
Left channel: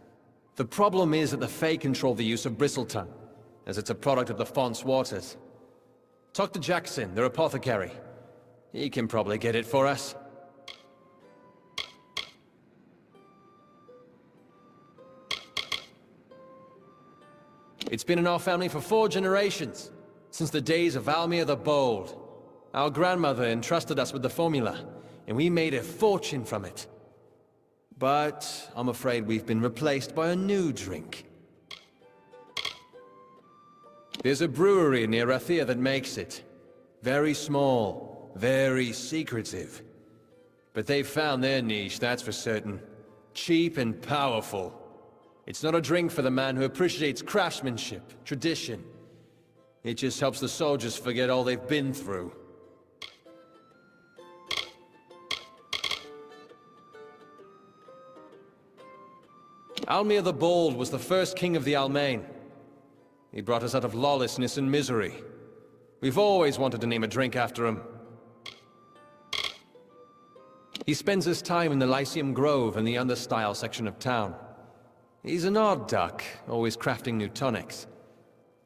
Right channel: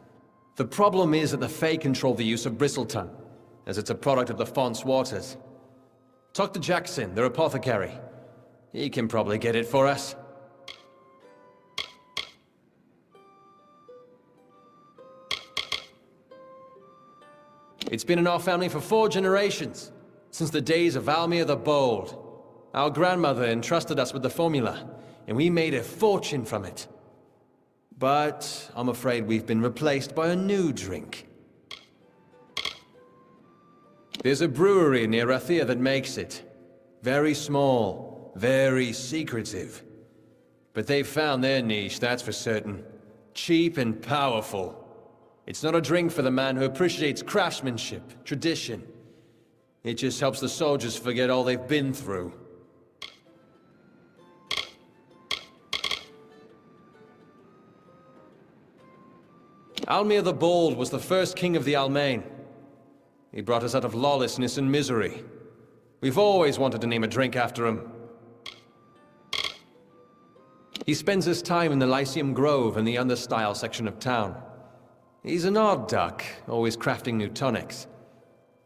The problem is that the Fae control the use of bristletongue, as it's a product of the Font's waters. Talk to Jackson, their apothecary. He can probably get it for us. It's been in our family for 4 generations, since the days of Almir the Bold. Our grandmother entrusted us with the formula, and we made a fortune from it. But I'm afraid we've been replaced by a new drink. There's a brewery near Rathia that makes it. Very small, very secretive. But they've found their niche, that's for certain. Cheap and powerful. It's not a drink for the man who appreciates craftsmanship, tradition. It just helps the soldiers forget all they've been through. Almir the Bold was the first king of the Almain. He brought us out of lawlessness and misery. We've always wanted to name a drink after him. He spends his time in the Lyceum Grove in the Understyle section of town. He's an odd duck, always crafting new tonics.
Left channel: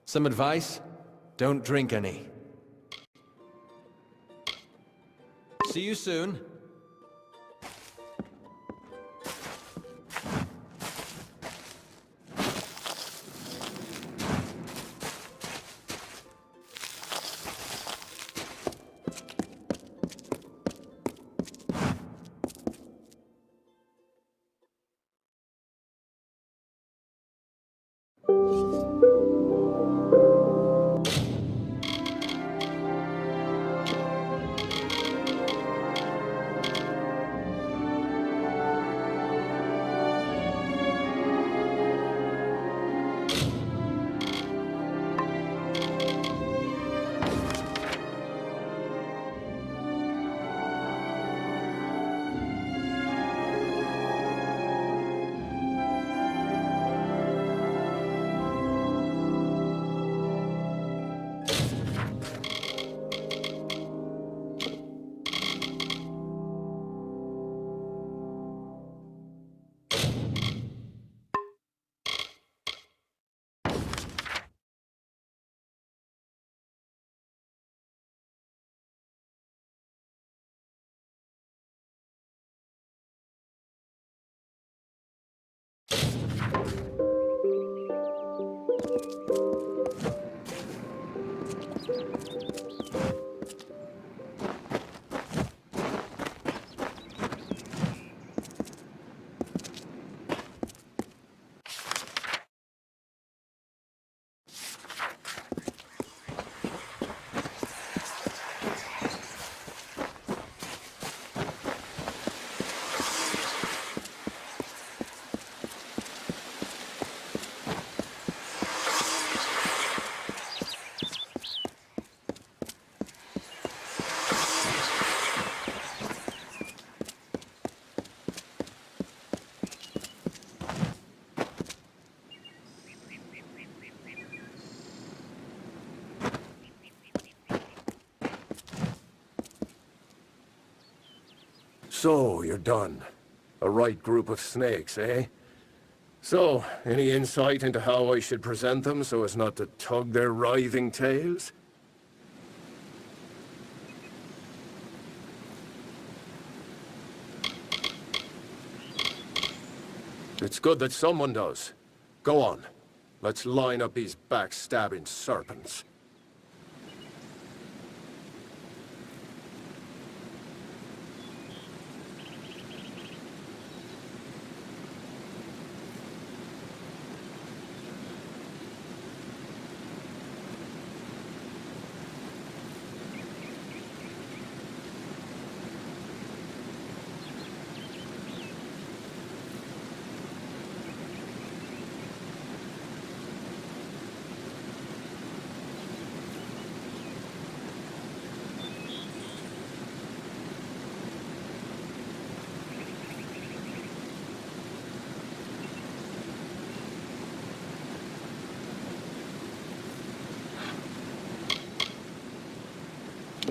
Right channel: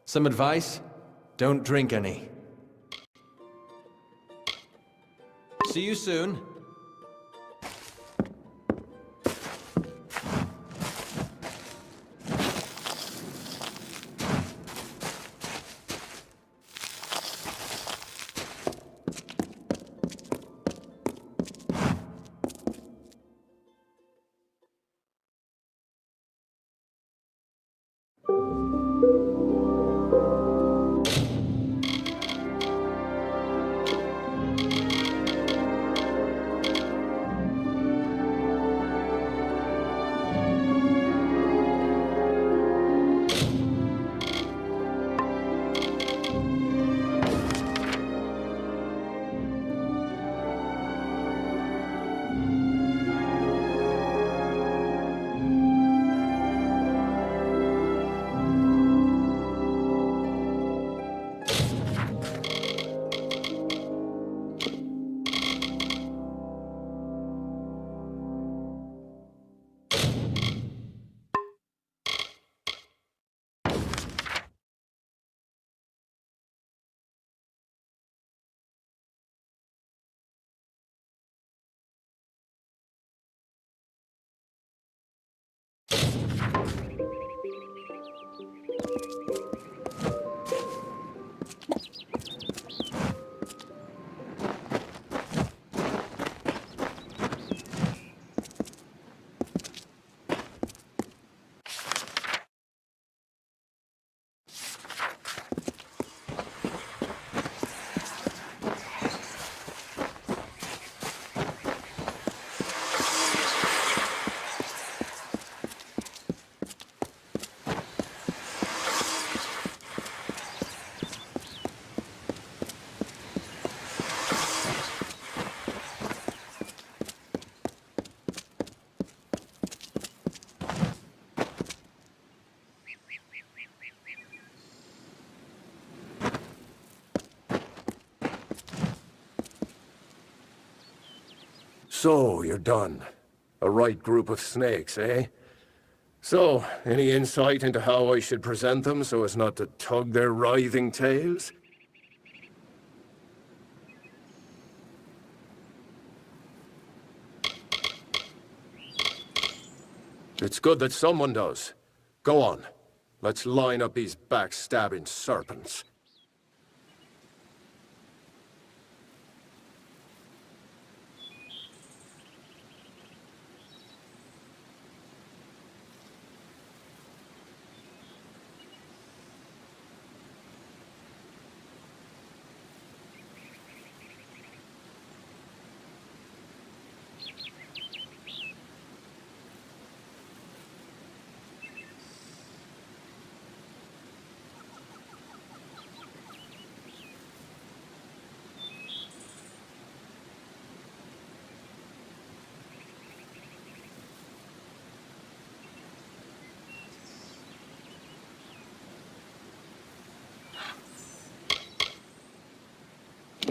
Some advice? Don't drink any. See you soon. So, you're done. A right group of snakes, eh? So, any insight into how I should present them so as not to tug their writhing tails? It's good that someone does. Go on. Let's line up these backstabbing serpents.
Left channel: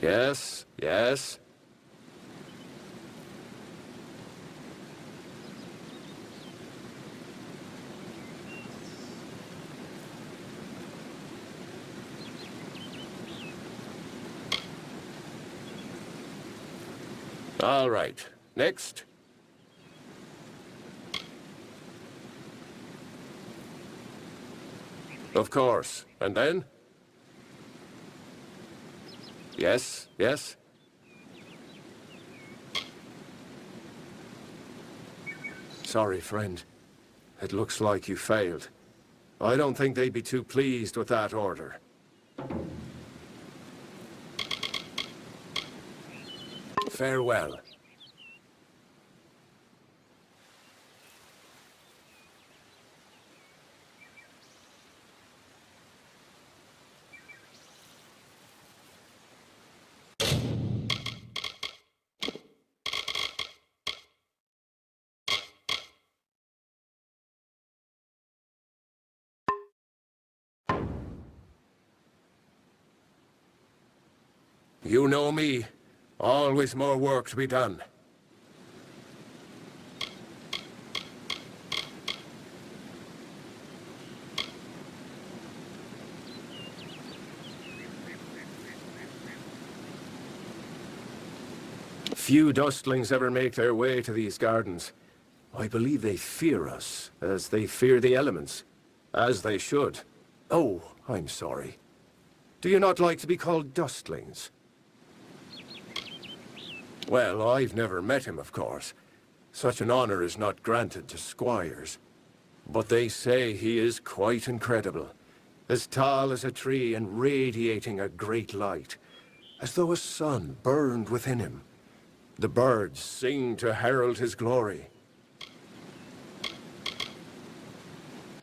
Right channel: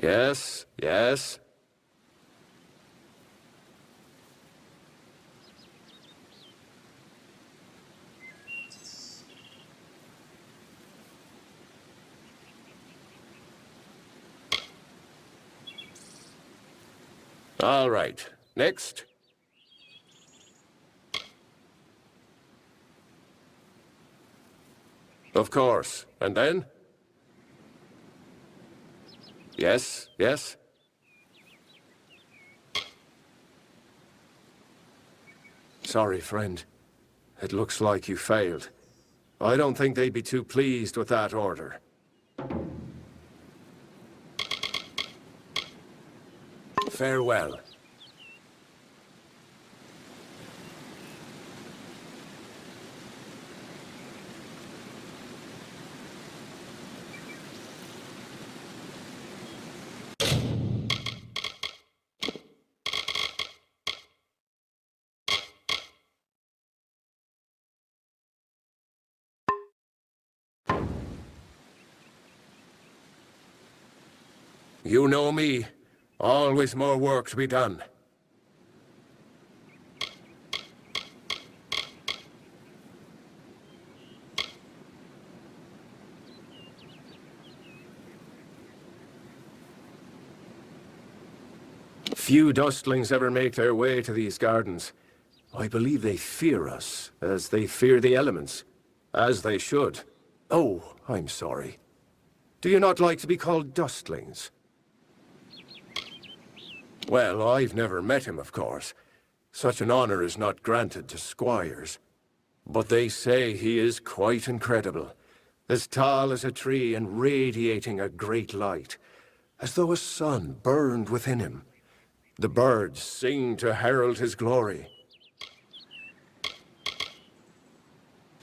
Yes, yes. All right. Next. Of course. And then? Yes, yes. Sorry, friend. It looks like you failed. I don't think they'd be too pleased with that order. Farewell. You know me. Always more work to be done. Few dustlings ever make their way to these gardens. I believe they fear us, as they fear the elements. As they should. Oh, I'm sorry. Do you not like to be called dustlings? Well, I've never met him, of course. Such an honor is not granted to squires. But they say he is quite incredible. As tall as a tree and radiating a great light. As though a sun burned within him. The birds sing to herald his glory.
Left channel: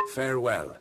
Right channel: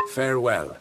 Farewell.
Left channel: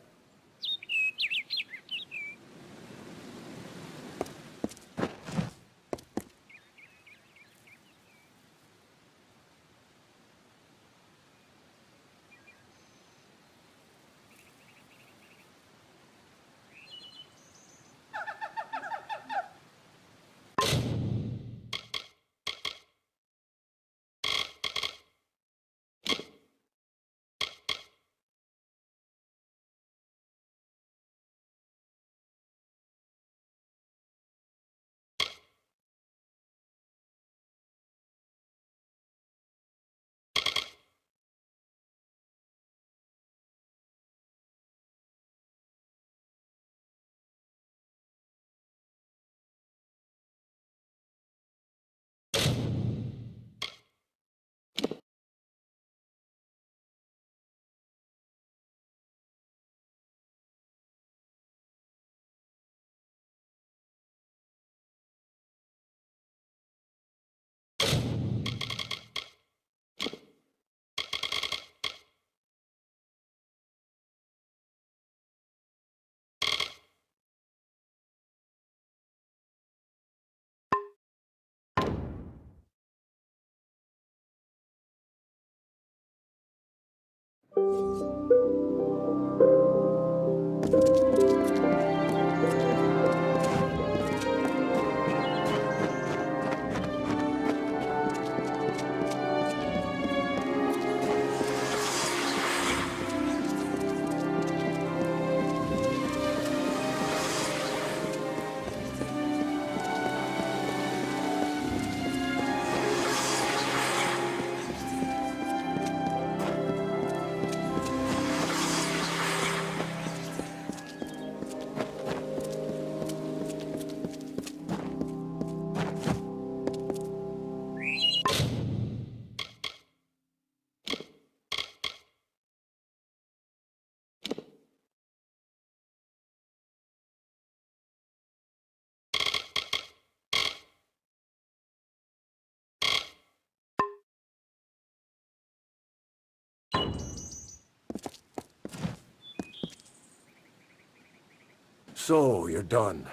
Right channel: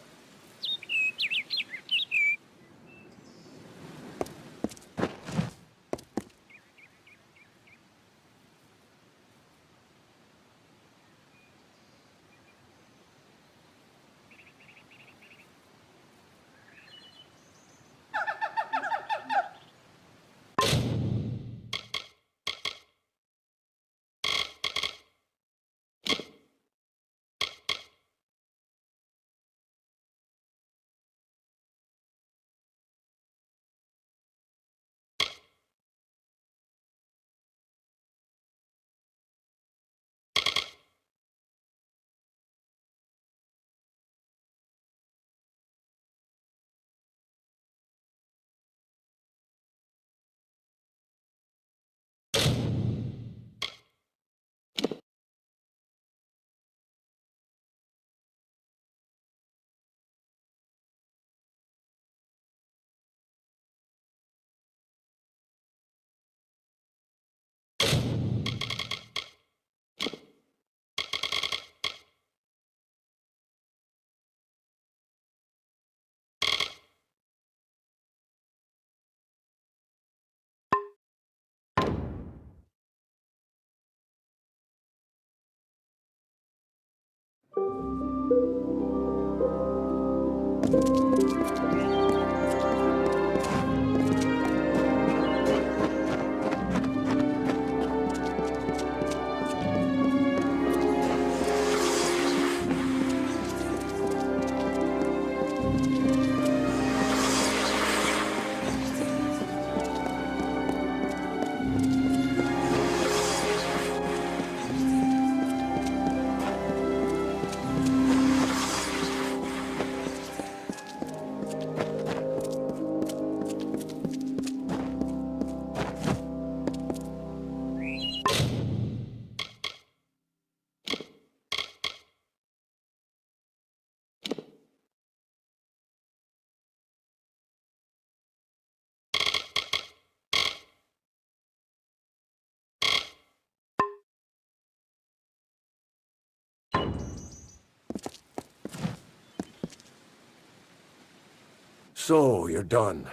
So, you're done.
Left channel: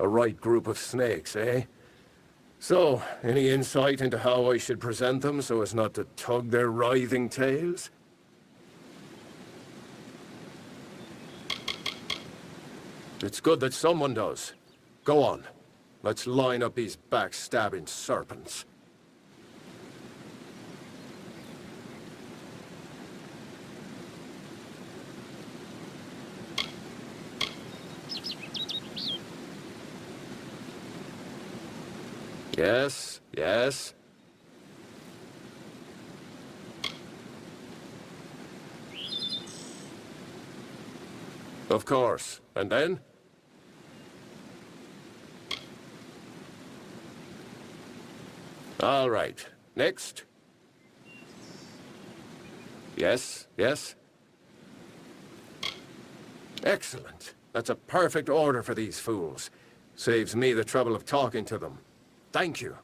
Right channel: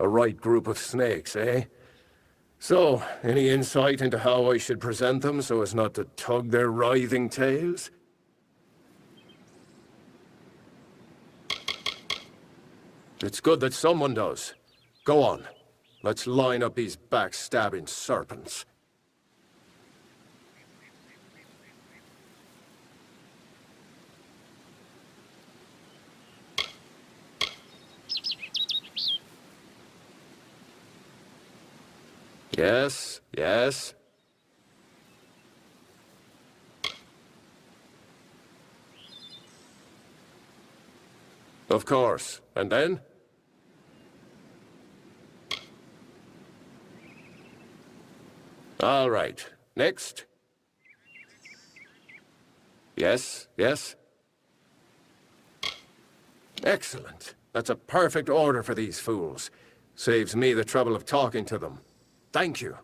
A right group of snakes, eh? So, any insight into how I should present them so as not to tug their writhing tails? It's good that someone does. Go on. Let's line up these backstabbing serpents. Yes, yes. Of course. And then? All right. Next. Yes, yes. Excellent. That's a perfect order for these fools. Saves me the trouble of talking to them. Thank you.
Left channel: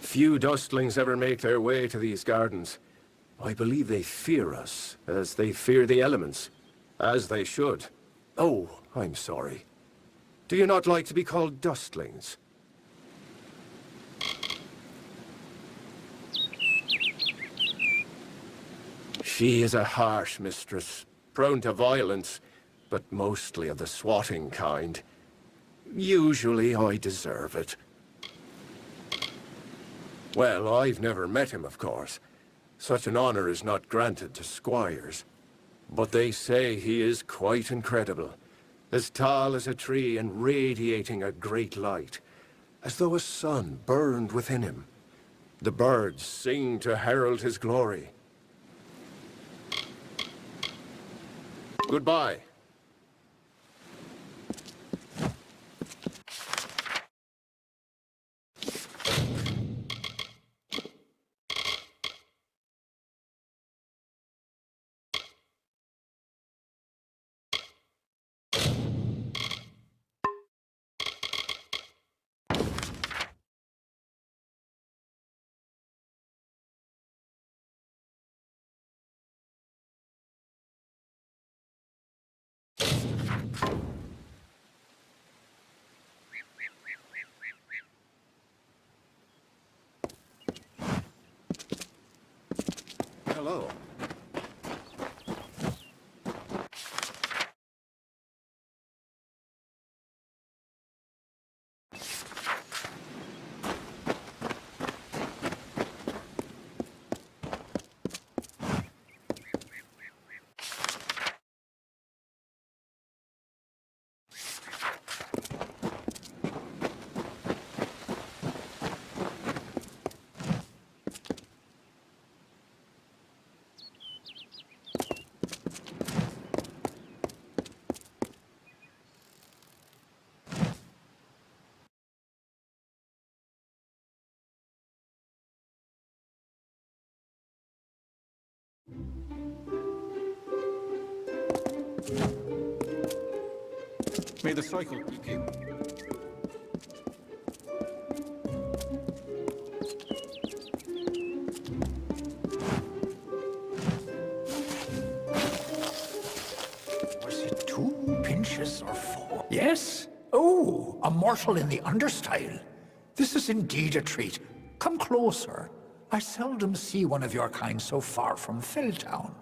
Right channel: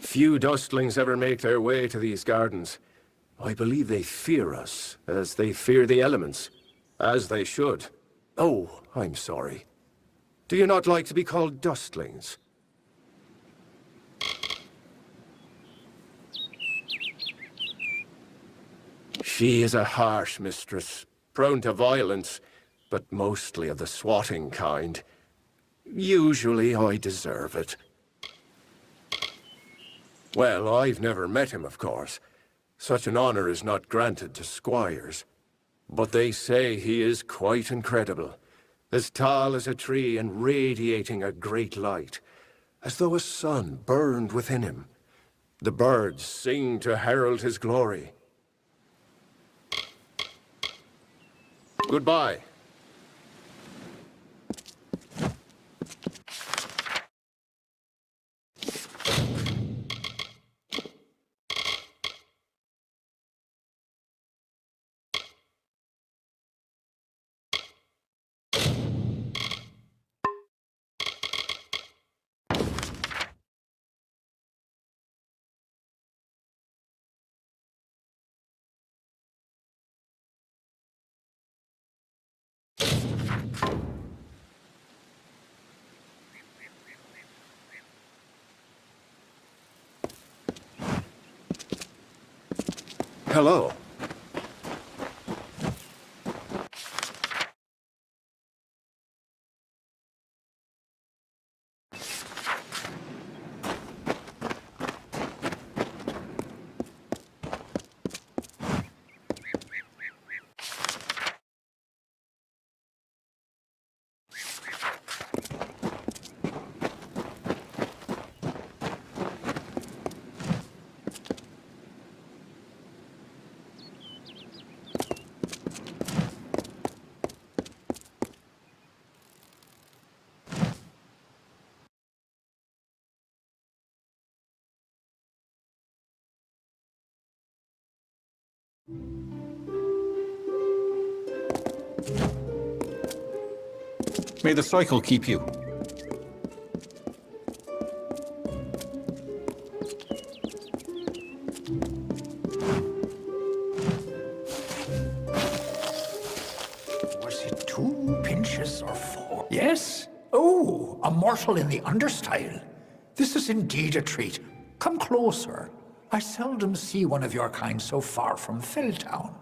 Few dustlings ever make their way to these gardens. I believe they fear us, as they fear the elements. As they should. Oh, I'm sorry. Do you not like to be called dustlings? She is a harsh mistress, prone to violence, but mostly of the swatting kind. Usually I deserve it. Well, I've never met him, of course. Such an honor is not granted to squires. But they say he is quite incredible. As tall as a tree and radiating a great light, as though a sun burned within him. The birds sing to herald his glory. Goodbye. Hello. May the cycle keep you. Was it 2 pinches or 4? Yes? Oh, a mortal in the understyle. This is indeed a treat. Come closer. I seldom see one of your kind so far from Felltown.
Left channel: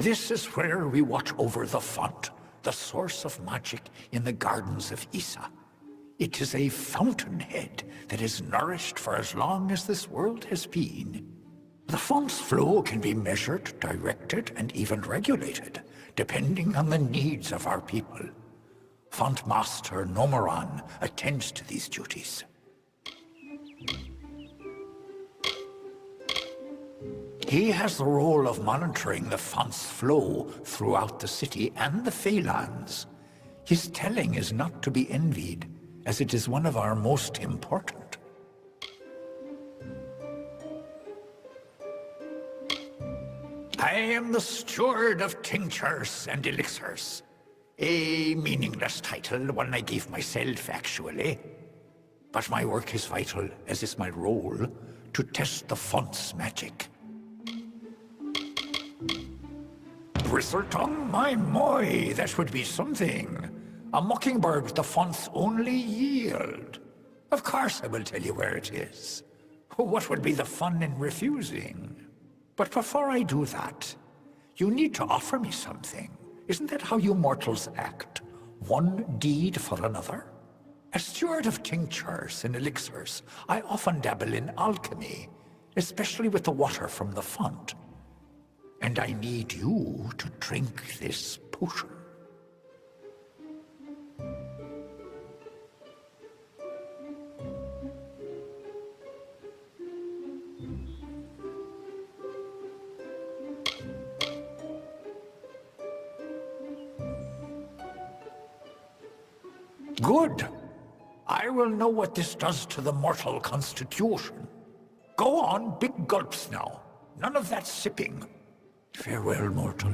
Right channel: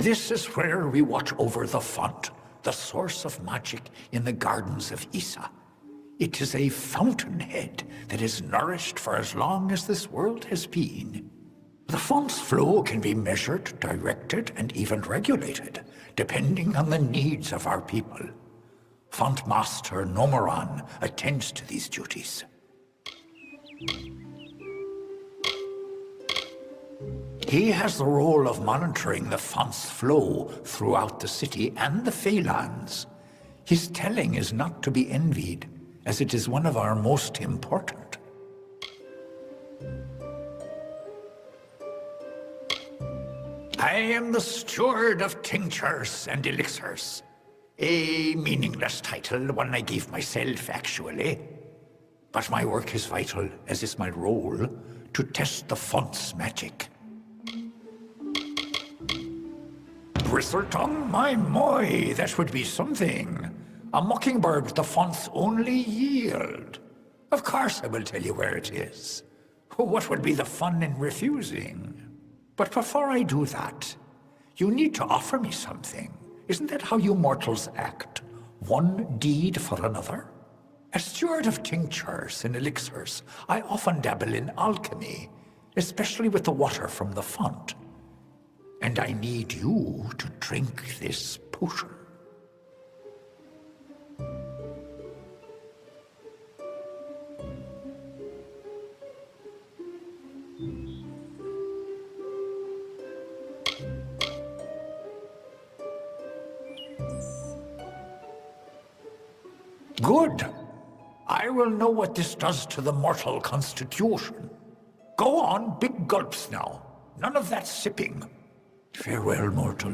This is where we watch over the font, the source of magic in the gardens of Issa. It is a fountainhead that is nourished for as long as this world has been. The font's flow can be measured, directed, and even regulated, depending on the needs of our people. Font Master Nomoran attends to these duties. He has the role of monitoring the font's flow throughout the city and the Feylands. His telling is not to be envied, as it is one of our most important. I am the steward of tinctures and elixirs. A meaningless title, one I gave myself, actually. But my work is vital, as is my role, to test the font's magic. Bristletongue, my, that would be something. A mockingbird, the font's only yield. Of course I will tell you where it is. What would be the fun in refusing? But before I do that, you need to offer me something. Isn't that how you mortals act? One deed for another? As steward of tinctures and elixirs, I often dabble in alchemy, especially with the water from the font. And I need you to drink this potion. Good. I will know what this does to the mortal constitution. Go on, big gulps now. None of that sipping. Farewell, mortal.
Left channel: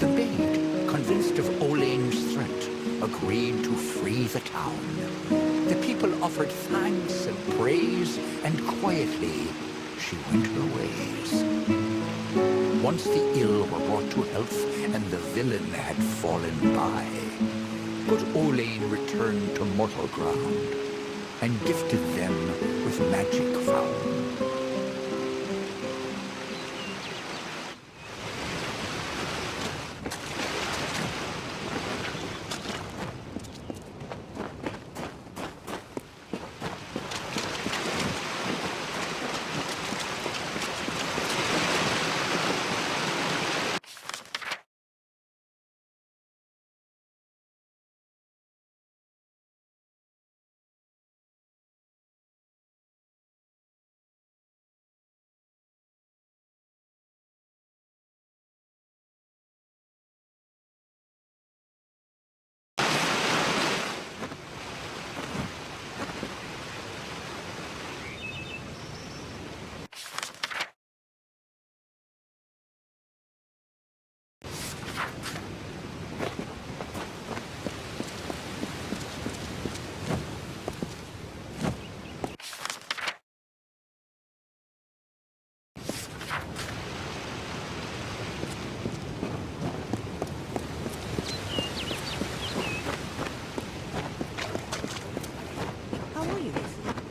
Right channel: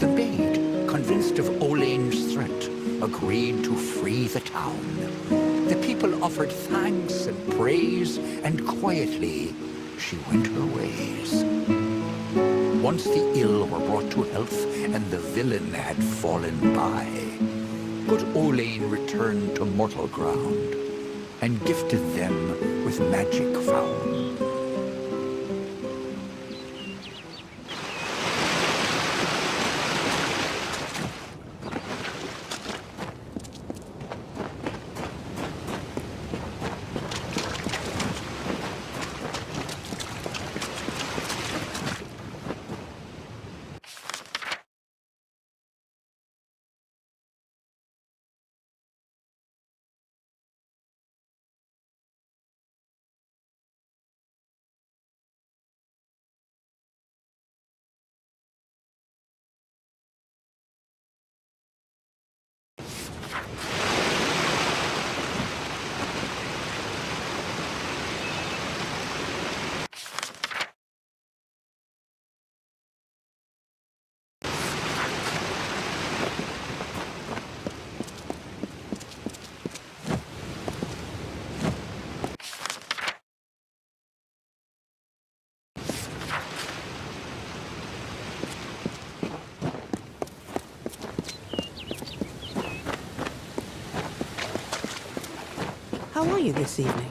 The maid, convinced of Olane's threat, agreed to free the town. The people offered thanks and praise, and quietly she went her ways. Once the ill were brought to health, and the villain had fallen by, good Olane returned to mortal ground, and gifted them with magic found. How are you this evening?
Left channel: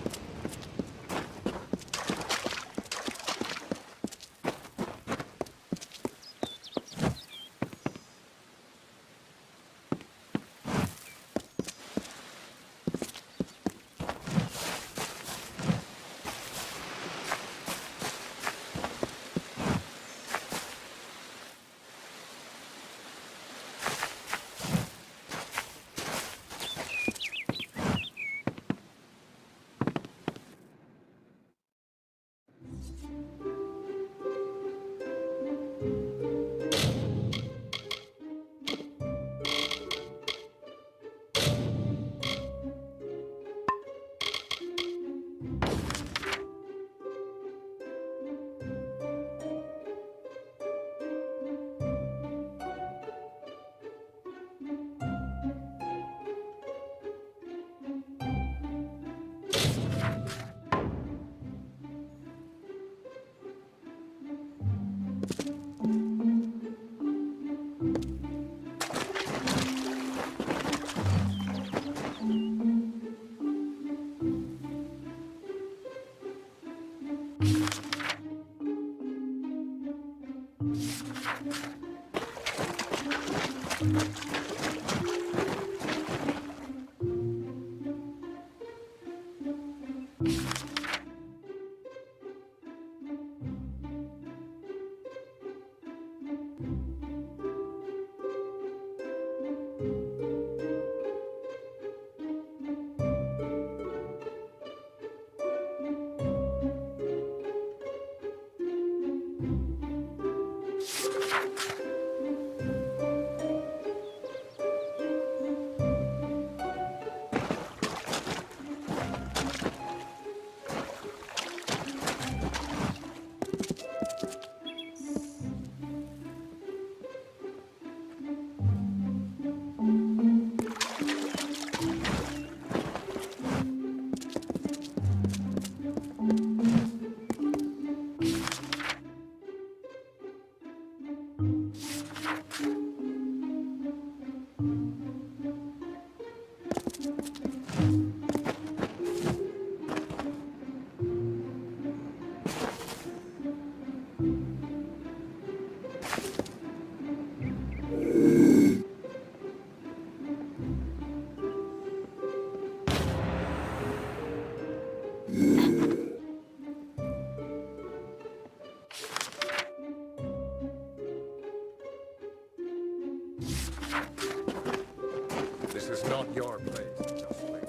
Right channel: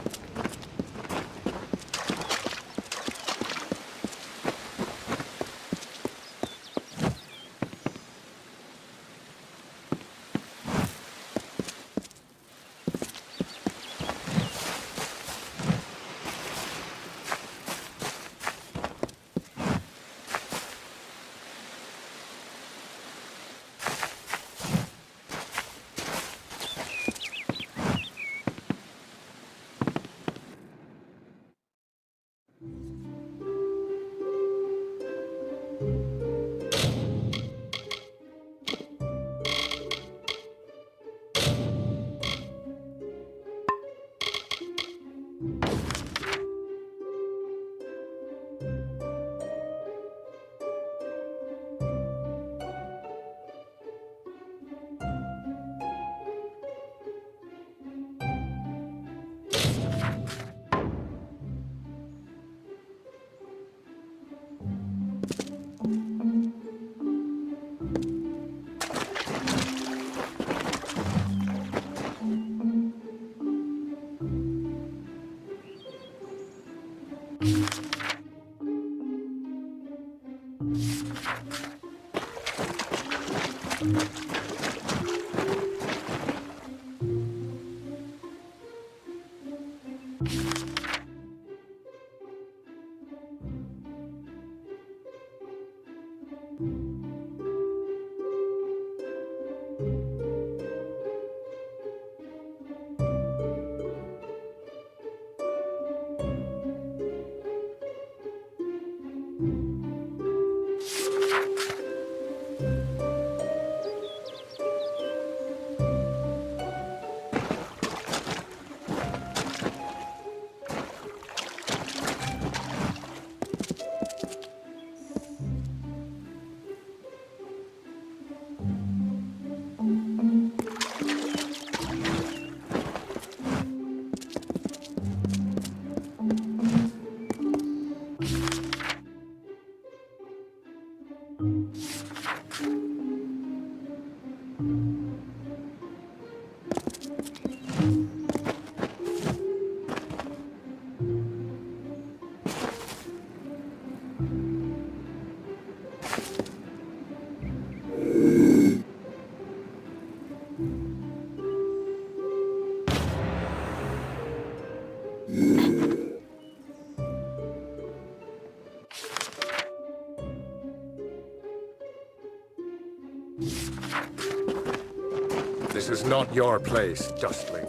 This is not your place, Dustling.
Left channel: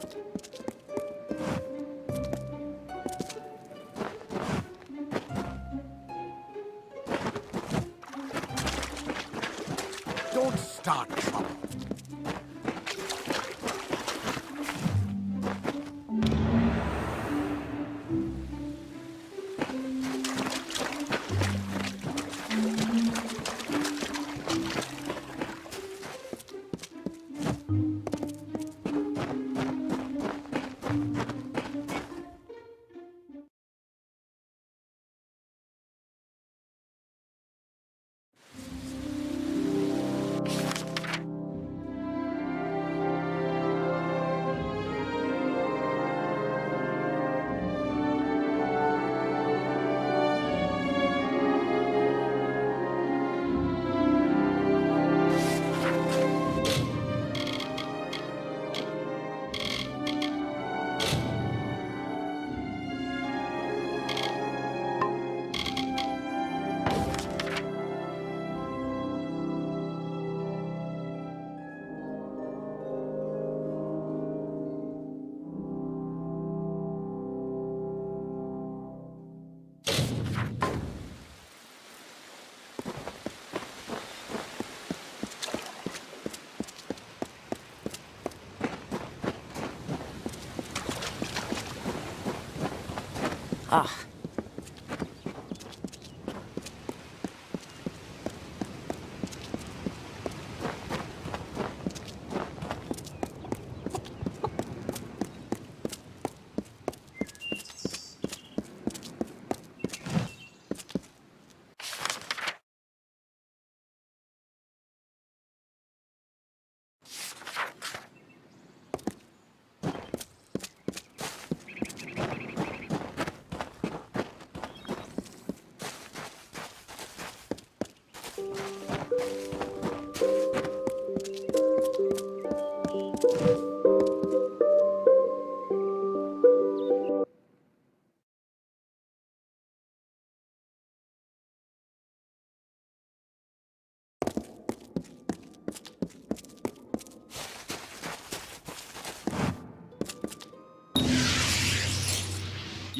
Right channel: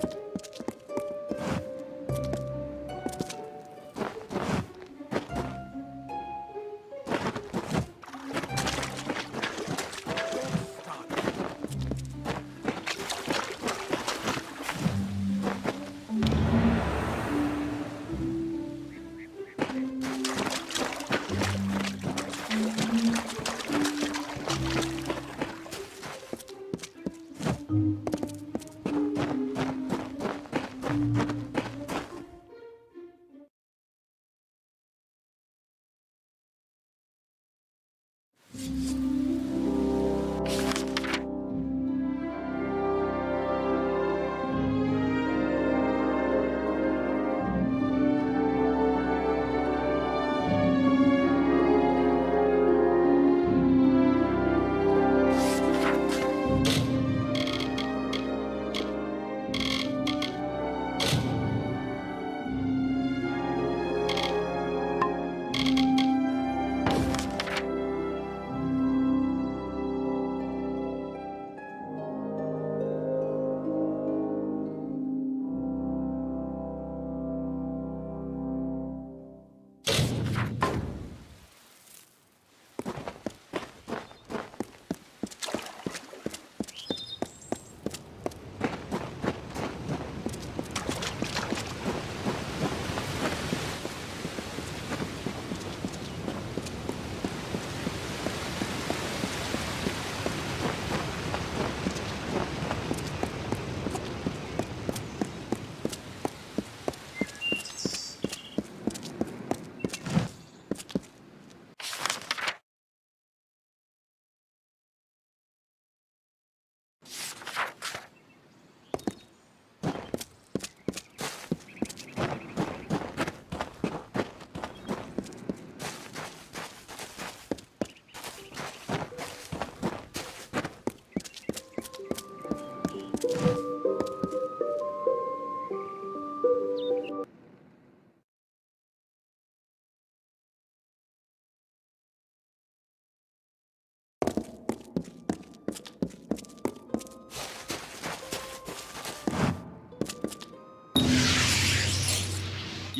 Don't start trouble.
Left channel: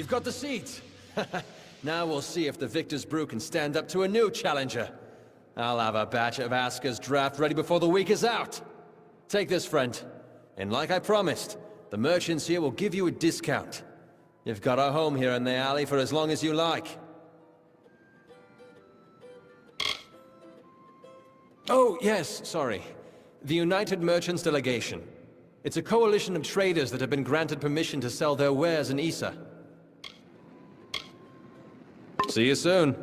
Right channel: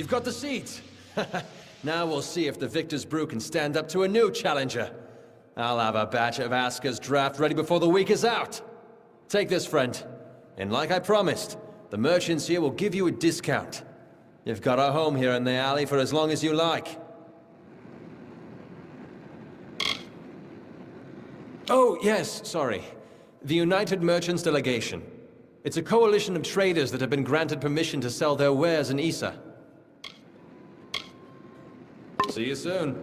You've got the seeds. Now we'll see if the Victor's Brew can stand up to a new challenger. I'll have a batch of Aska's draft ready before the week is out. Take this, friend. And like I promised, the merchants here will give you a discount. You've got a home here in the alley for as long as you like. Oh, yes, sorry. The United Merchants Delegation. It's a coalition of traders that have been granted permission to sell their wares in Issa. See you soon.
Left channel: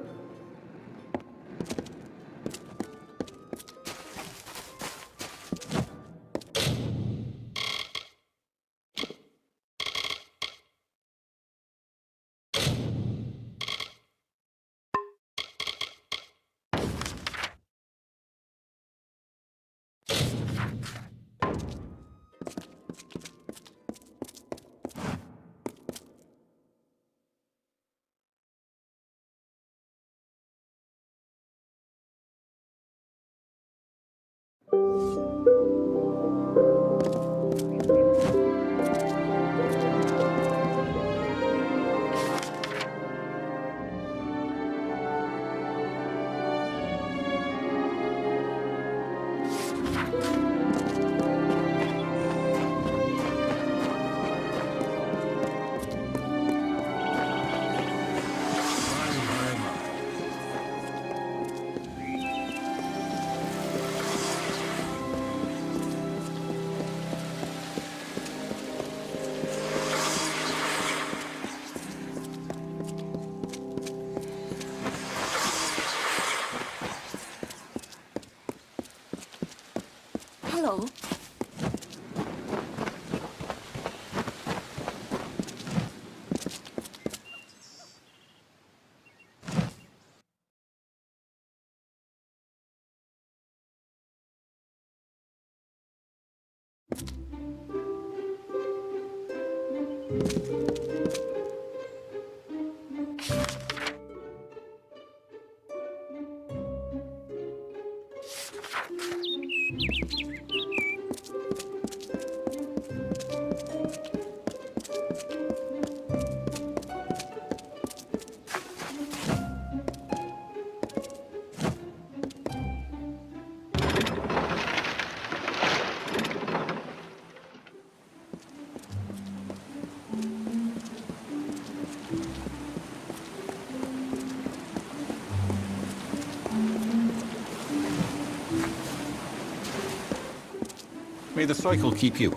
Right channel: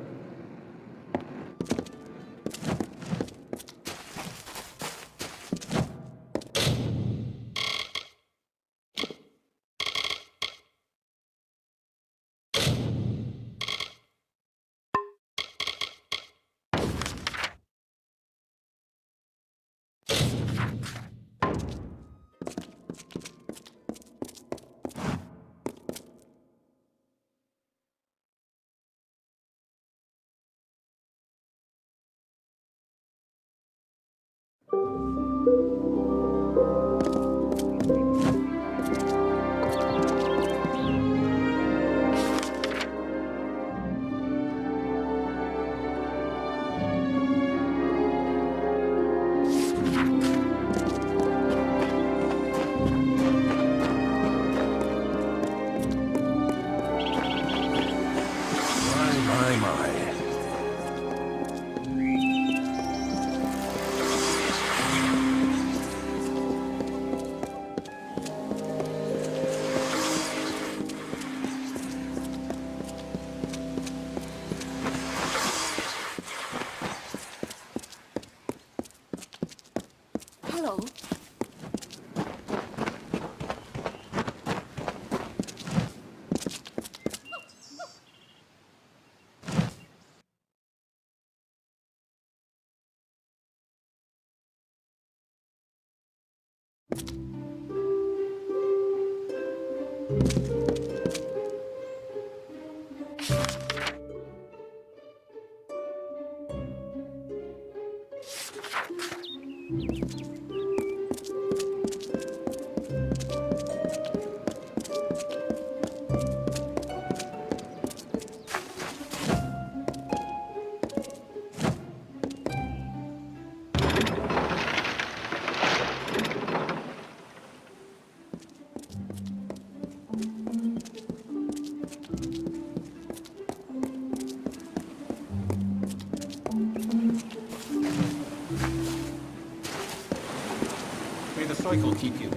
Hello. May the cycle keep you.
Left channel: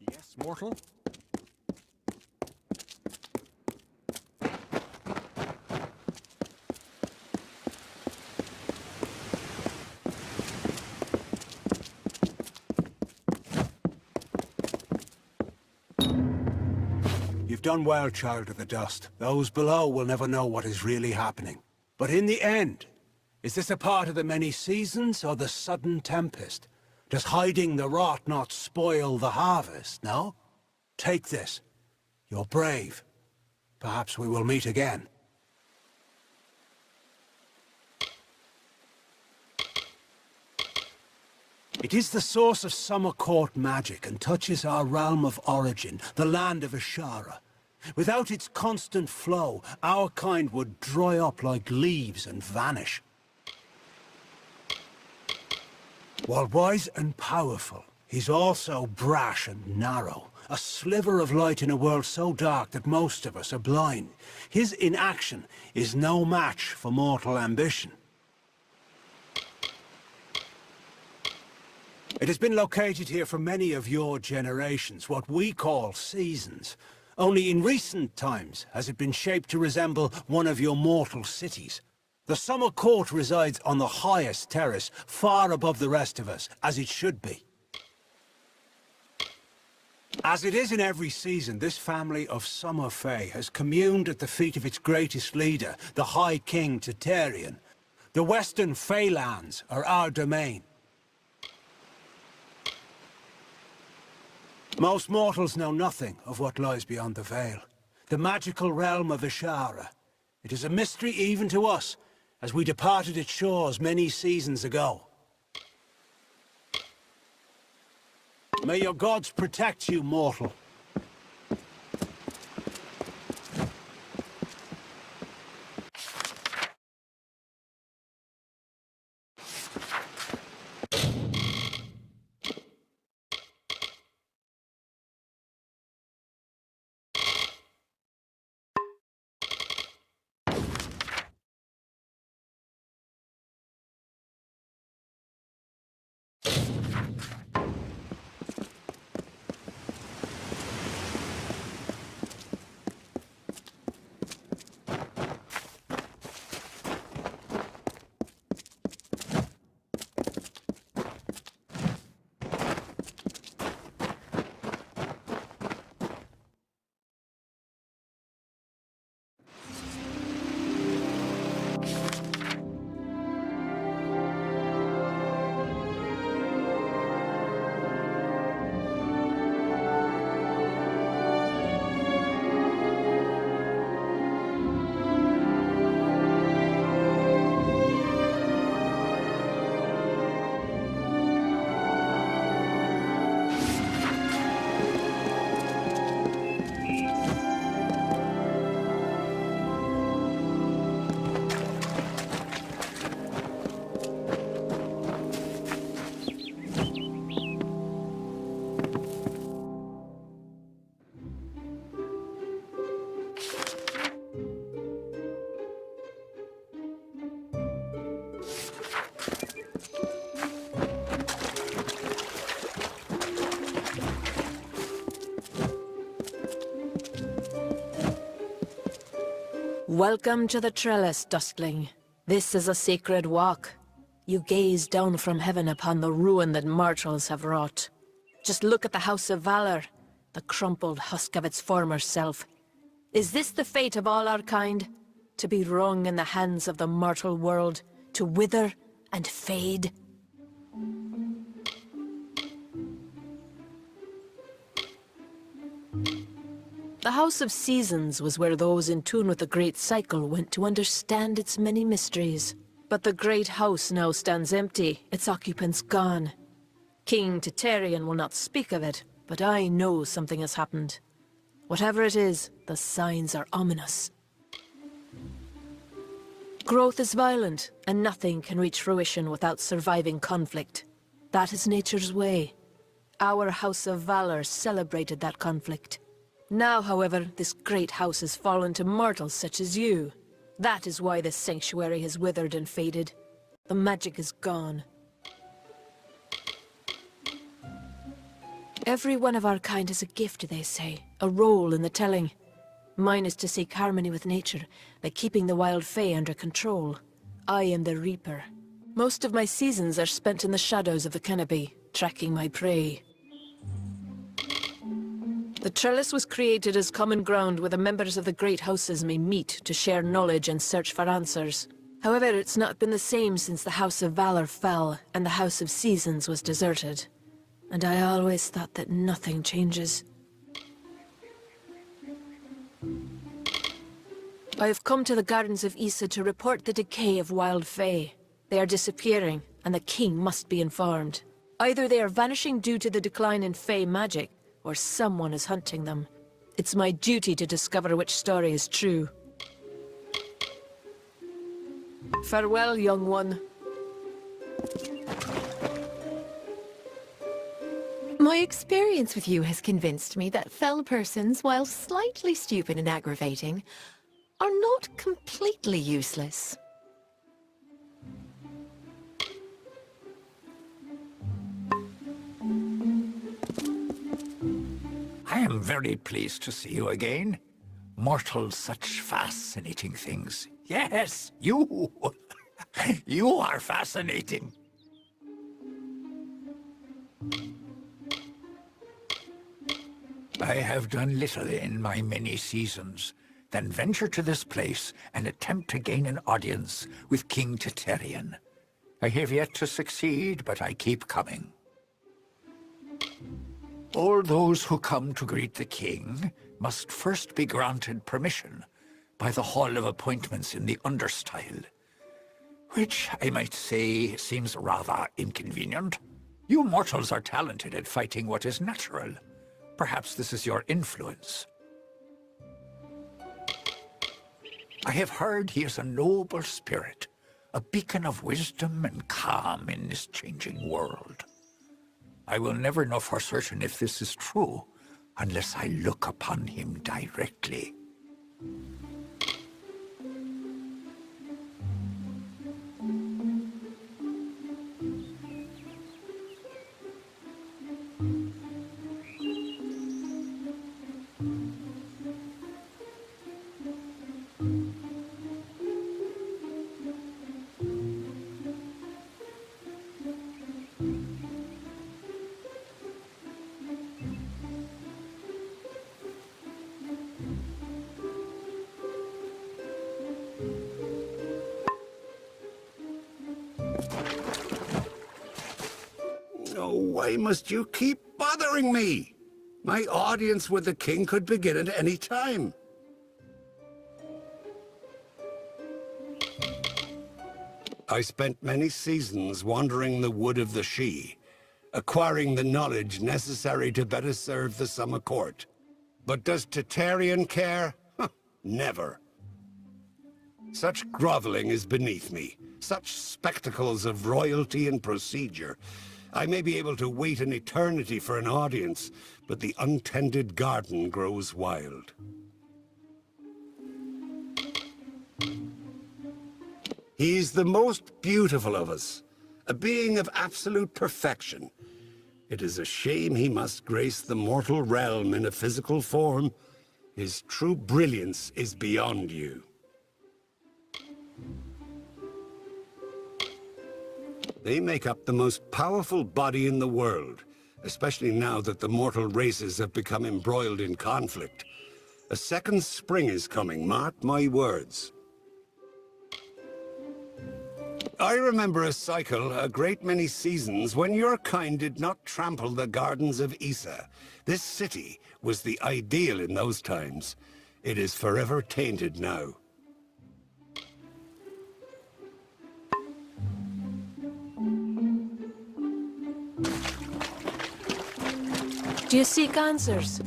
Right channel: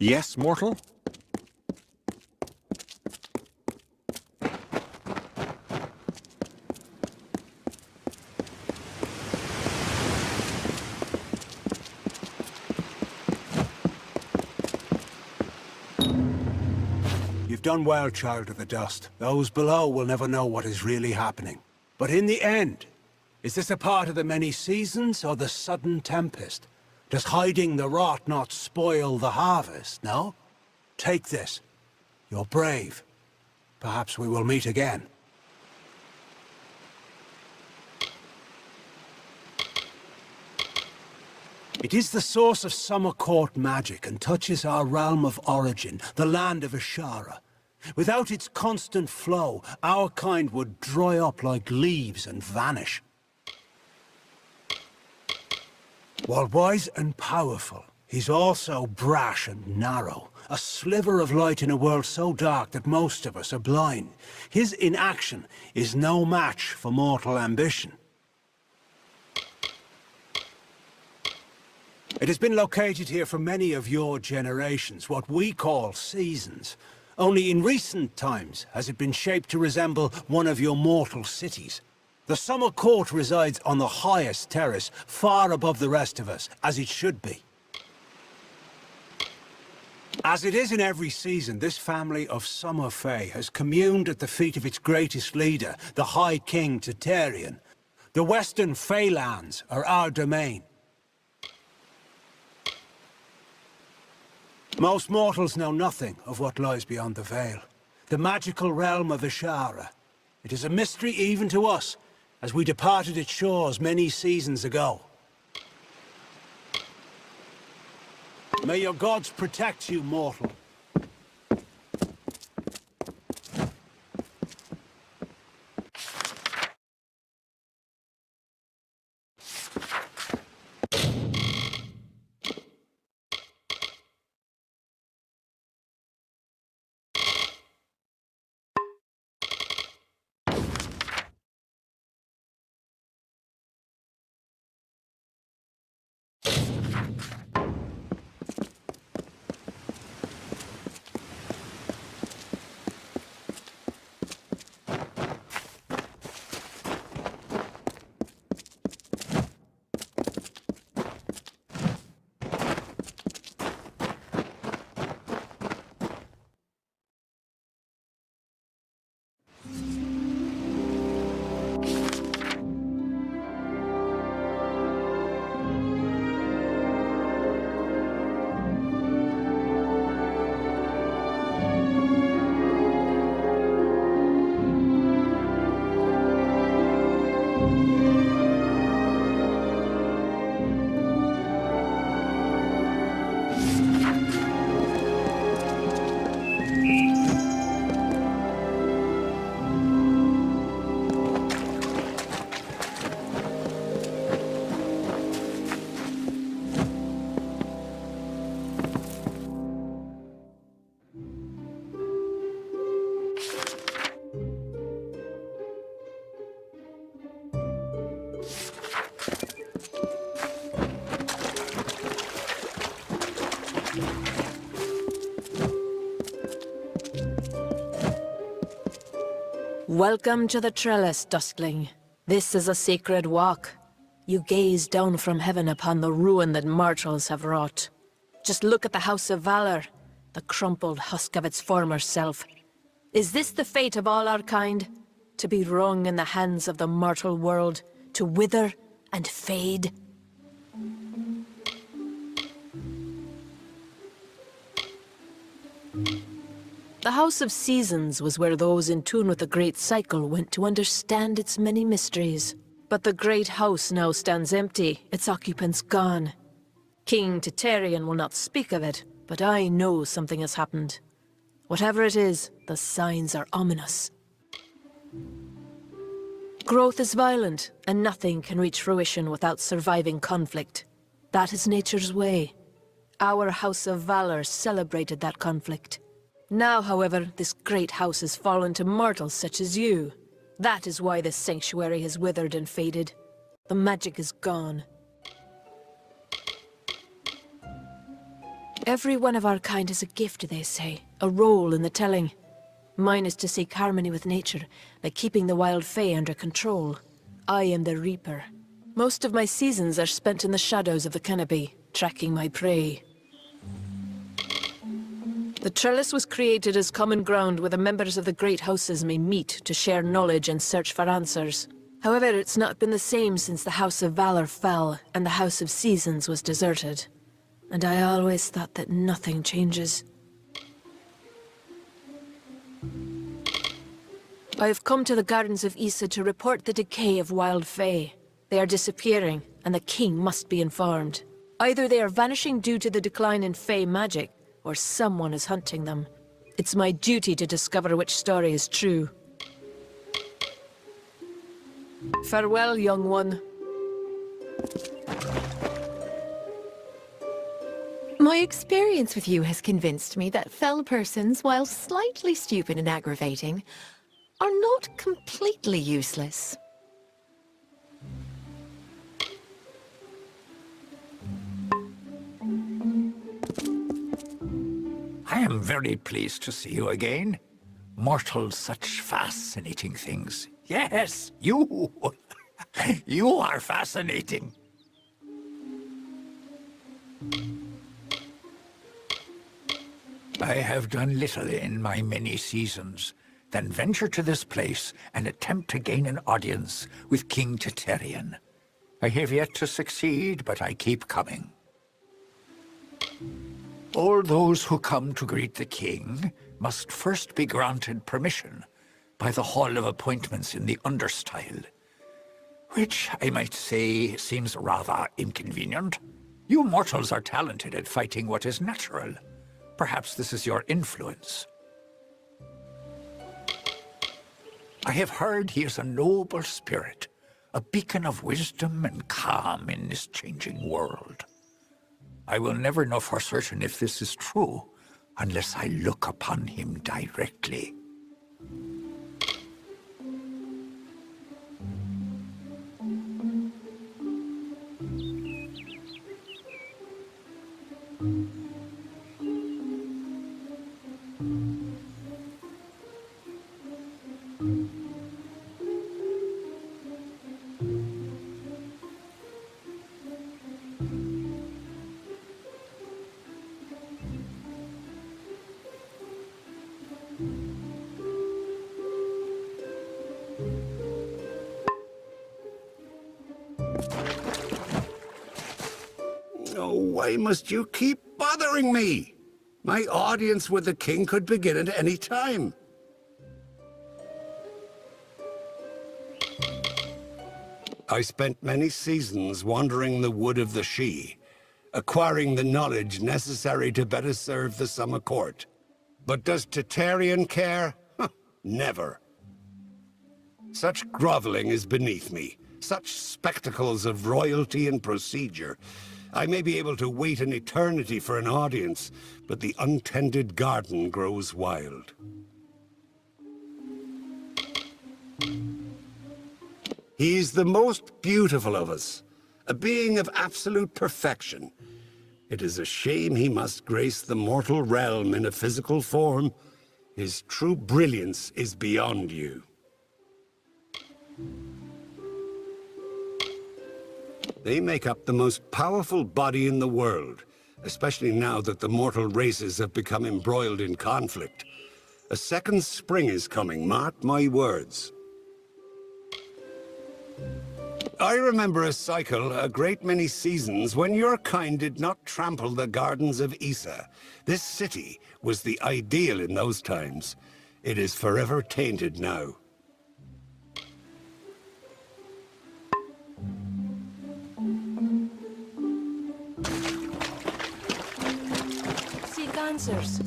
Yes, mortal? You've done well, Child of the Dust. Those below will never know what is really happening. But in the end, is this a part of the many seasons or the sudden tempest? Does hiding the rot not spoil the harvest, no? Take this. You're brave. Perhaps we will meet again. It is the source of Summer Court magic and touches our realm of origin, the land of Ashara. Without its constant flow, our kind would dry up like leaves and vanish. While wise and powerful, he's also brash and narrow. A sliver of light in a world so dark that most of us are blind. His inaction is no match for mortal ambition. It has been located here for many of your generations, what we call seasons. Only in recent times has it been shaped to resemble one of your mortal cities. The summer court resides on the highest terrace, far above the rest of us, as it should be. As it is in every season, this family of summer fae has communed at the feet of its greatest leader, the High King Tatarian. The western Fae lands are our domain. Most mortals know nothing of what lies beyond the veil. The magical realm of Ishara. It is a mystery even to us, as we departed its shores many seasons ago. May your gods protect you, mortal. Welcome to the trellis, Duskling. This is a sacred walk. You gaze down from heaven upon the ruin that mortals have wrought. Just look at the House of Valor, the crumpled husk of its former self. Is this the fate of all our kind? To be wrung in the hands of the mortal world, to wither and fade? The House of Seasons was where those in tune with the Great Cycle went to understand its many mysteries. But the Great House now stands empty, its occupants gone. King Tatarian will not speak of it, but I know something has happened. Whatever it is, the signs are ominous. Growth is violent, and nothing can reach fruition without surviving conflict. That is nature's way. Our House of Valor celebrated that conflict. Now, however, this great house has fallen to mortals such as you. That is why this sanctuary has withered and faded. The magic is gone. Every one of our kind is a gift, they say, a role in the telling. Mine is to seek harmony with nature, by keeping the wild fae under control. I am the Reaper. Most of my seasons are spent in the shadows of the canopy, tracking my prey. The trellis was created as common ground where the members of the great houses may meet to share knowledge and search for answers. However, it's not been the same since the House of Valor fell and the House of Seasons was deserted. And I always thought that nothing changes. I have come to the Gardens of Issa to report the decay of wild fae. They are disappearing, and the king must be informed. Either they are vanishing due to the decline in fae magic, or someone is hunting them. It's my duty to discover which story is true. Farewell, young one. My experience with you has convinced me that fell persons, while slightly stupid and aggravating, are not completely useless. I am very pleased to see you again. Mortals, such fascinating things. Yes, you! You are fascinating. I have done little in my many seasons, then venture to this place and attempt to gain an audience with King Titarian. I have yet to succeed, but I keep coming. All those who come to greet the king must first be granted permission by the Hall of Appointments in the Understyle, which I might say seems rather inconvenient. You mortals are talented at fighting what is natural. Perhaps this is your influence. I have heard he is a noble spirit, a beacon of wisdom and calm in this changing world. I will never know for certain if this is true, unless I look upon him directly. Why must you keep bothering me? My audience with the king could begin at any time. I spent many seasons wandering the wood of the She, acquiring the knowledge necessary to better serve the summer court. But does Titarian care? Never. Such groveling is beneath me, such spectacles of royalty and procedure. I may be able to wait an eternity for an audience, but the untended garden grows wild. He's the most beautiful of us, a being of absolute perfection. It is a shame he must grace the mortal realm in a physical form. His true brilliance is beyond you. They make up the most powerful body in the world, especially now that the mortal races have become embroiled in conflict. A second spring is coming, mark my words. I remember a cycle, a great many seasons, when your kind did not trample the gardens of Issa. This city was the ideal in those times. It is forever tainted now. Do you seek answers?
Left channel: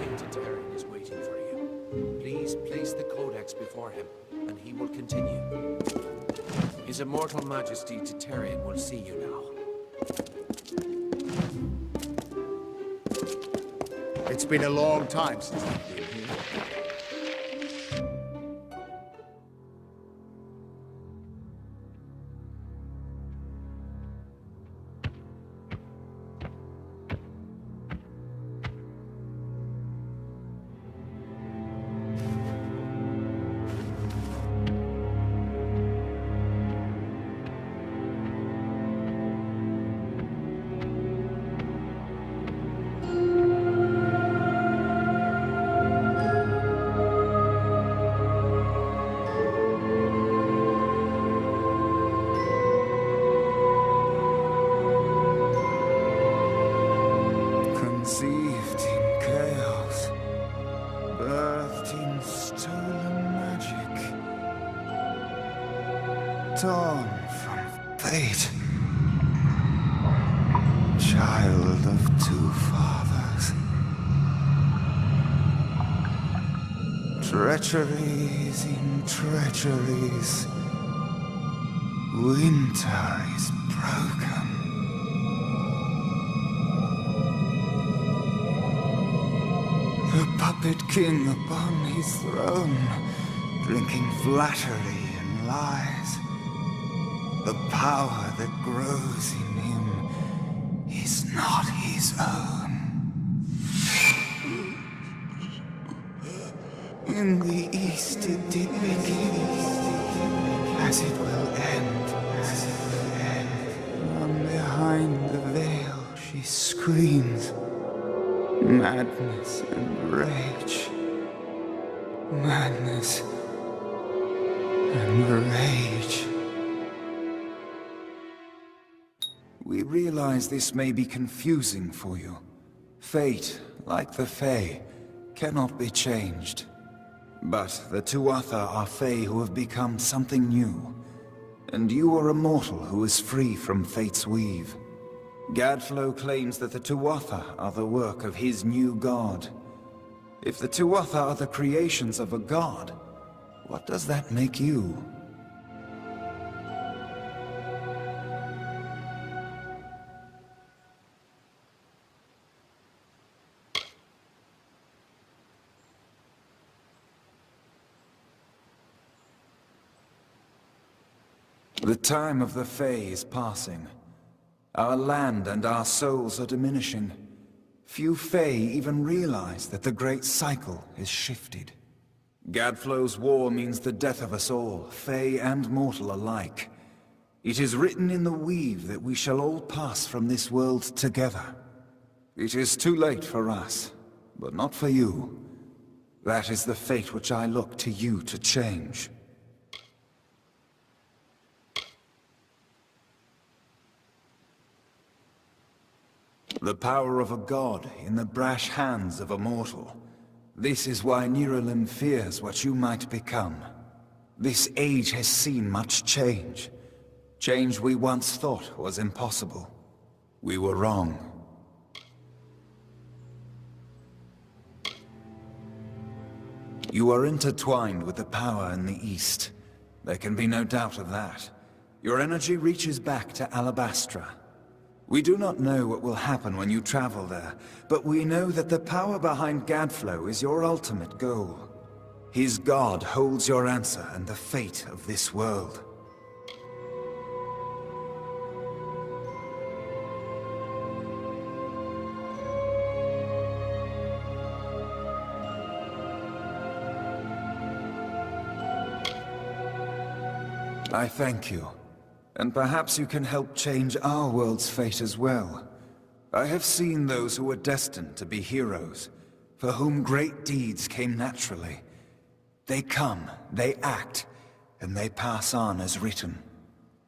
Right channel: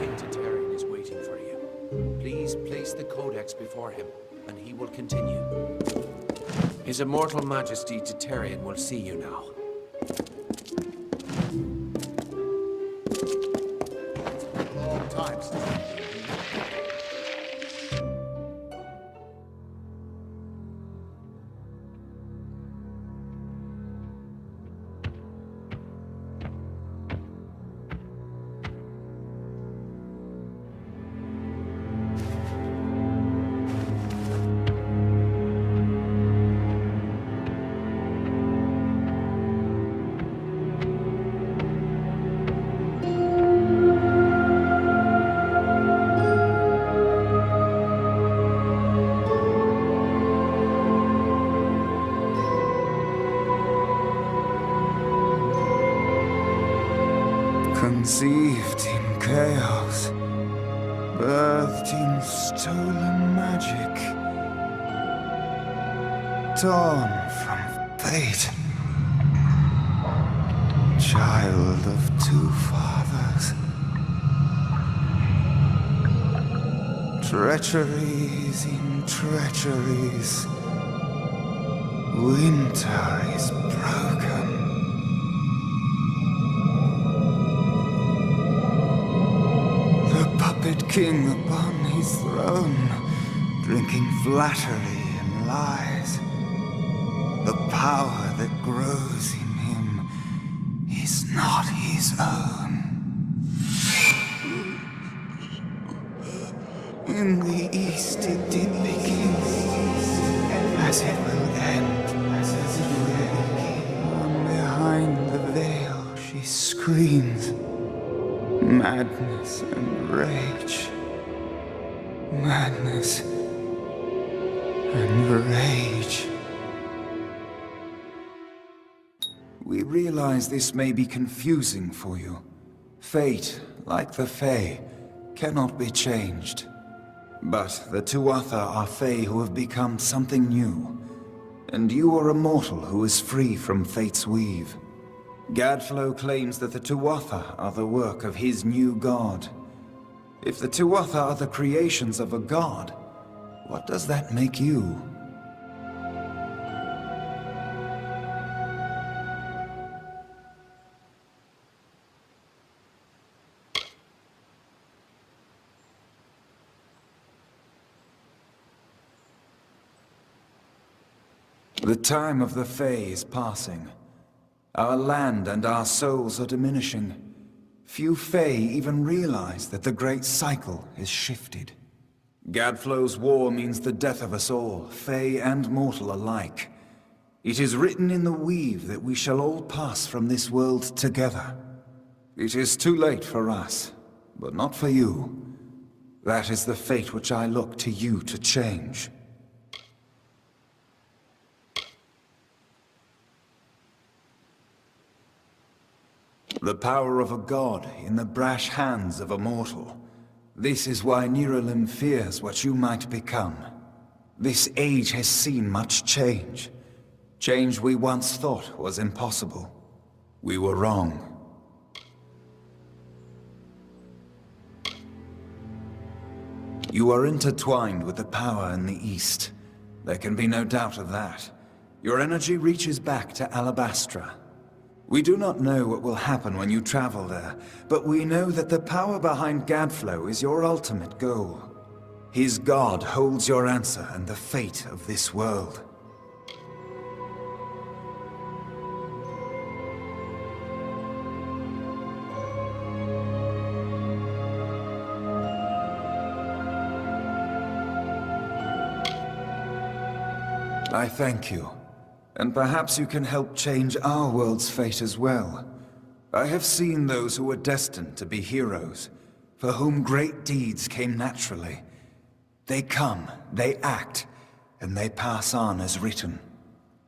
King Titarian is waiting for you. Please place the codex before him, and he will continue. His Immortal Majesty Titarian will see you now. It's been a long time since I've been here. Conceived in chaos, birthed in stolen magic, torn from fate. Child of two fathers. Treacheries in treacheries. Winter is broken. The puppet king upon his throne, drinking flattery and lies. The power that grows in him is not his own. In the east it did begin, as it will end. From behind the veil she screams, madness and rage. Madness and rage. We realize this may be confusing for you. Fate, like the Fae, cannot be changed. But the Tuatha are Fae who have become something new. And you are a mortal who is free from Fate's weave. Gadflow claims that the Tuatha are the work of his new god. If the Tuatha are the creations of a god, what does that make you? The time of the Fae is passing. Our land and our souls are diminishing. Few Fae even realize that the great cycle is shifted. Gadflow's war means the death of us all, Fae and mortal alike. It is written in the weave that we shall all pass from this world together. It is too late for us, but not for you. That is the fate which I look to you to change. The power of a god in the brash hands of a mortal. This is why Niralim fears what you might become. This age has seen much change. Change we once thought was impossible. We were wrong. You are intertwined with the power in the East. There can be no doubt of that. Your energy reaches back to Alabastra. We do not know what will happen when you travel there, but we know that the power behind Gadflow is your ultimate goal. His god holds your answer and the fate of this world. I thank you. And perhaps you can help change our world's fate as well. I have seen those who were destined to be heroes, for whom great deeds came naturally. They come, they act, and they pass on as written.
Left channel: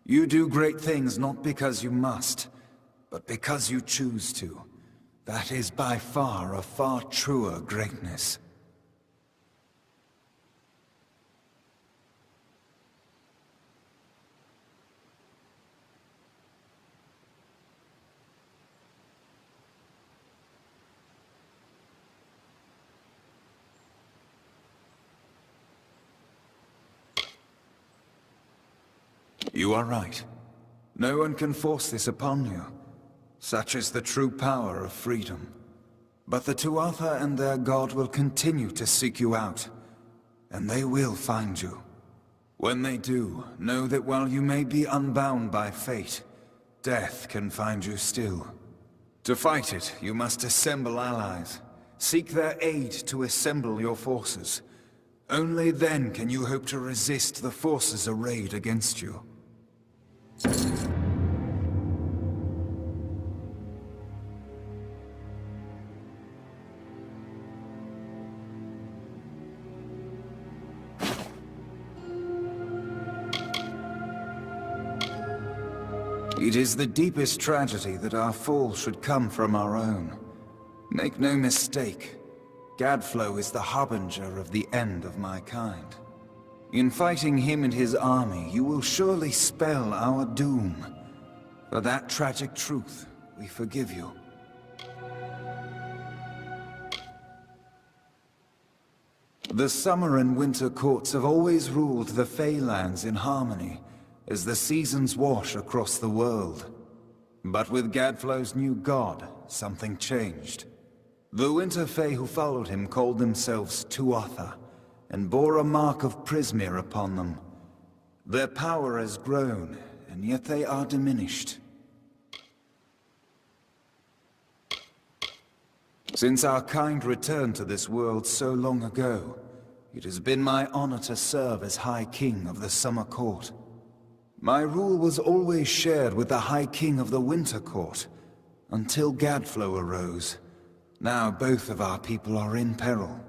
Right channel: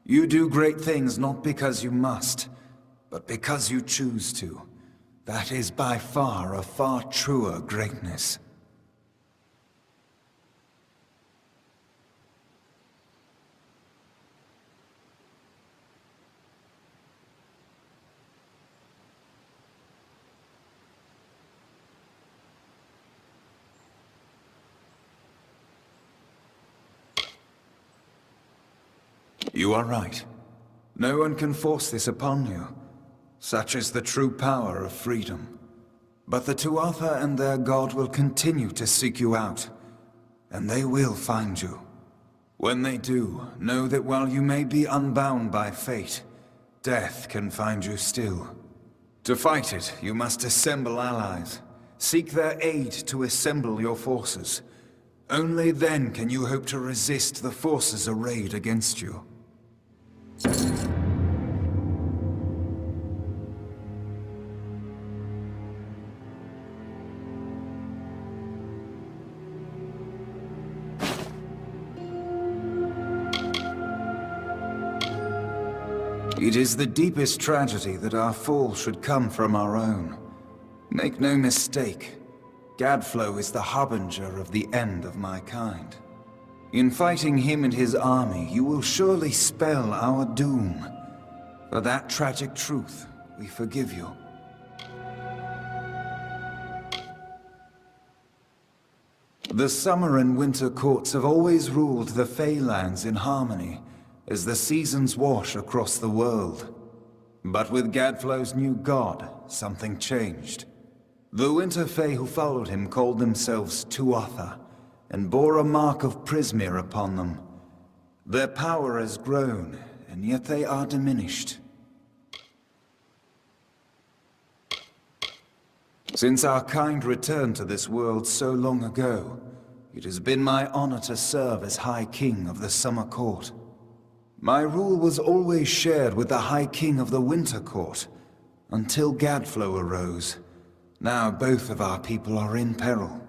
You do great things not because you must, but because you choose to. That is by far a far truer greatness. You are right. No one can force this upon you. Such is the true power of freedom. But the Tuatha and their god will continue to seek you out, and they will find you. When they do, know that while you may be unbound by fate, death can find you still. To fight it, you must assemble allies. Seek their aid to assemble your forces. Only then can you hope to resist the forces arrayed against you. It is the deepest tragedy that our fall should come from our own. Make no mistake, Gadflow is the harbinger of the end of my kind. In fighting him and his army, you will surely spell our doom. For that tragic truth, we forgive you. The summer and winter courts have always ruled the Feylands in harmony, as the seasons wash across the world. But with Gadflow's new god, something changed. The Winter Fae who followed him called themselves Tuatha, and bore a mark of Prismere upon them. Their power has grown, and yet they are diminished. Since our kind returned to this world so long ago, it has been my honor to serve as High King of the Summer Court. My rule was always shared with the High King of the Winter Court, until Gadflow arose. Now both of our people are in peril.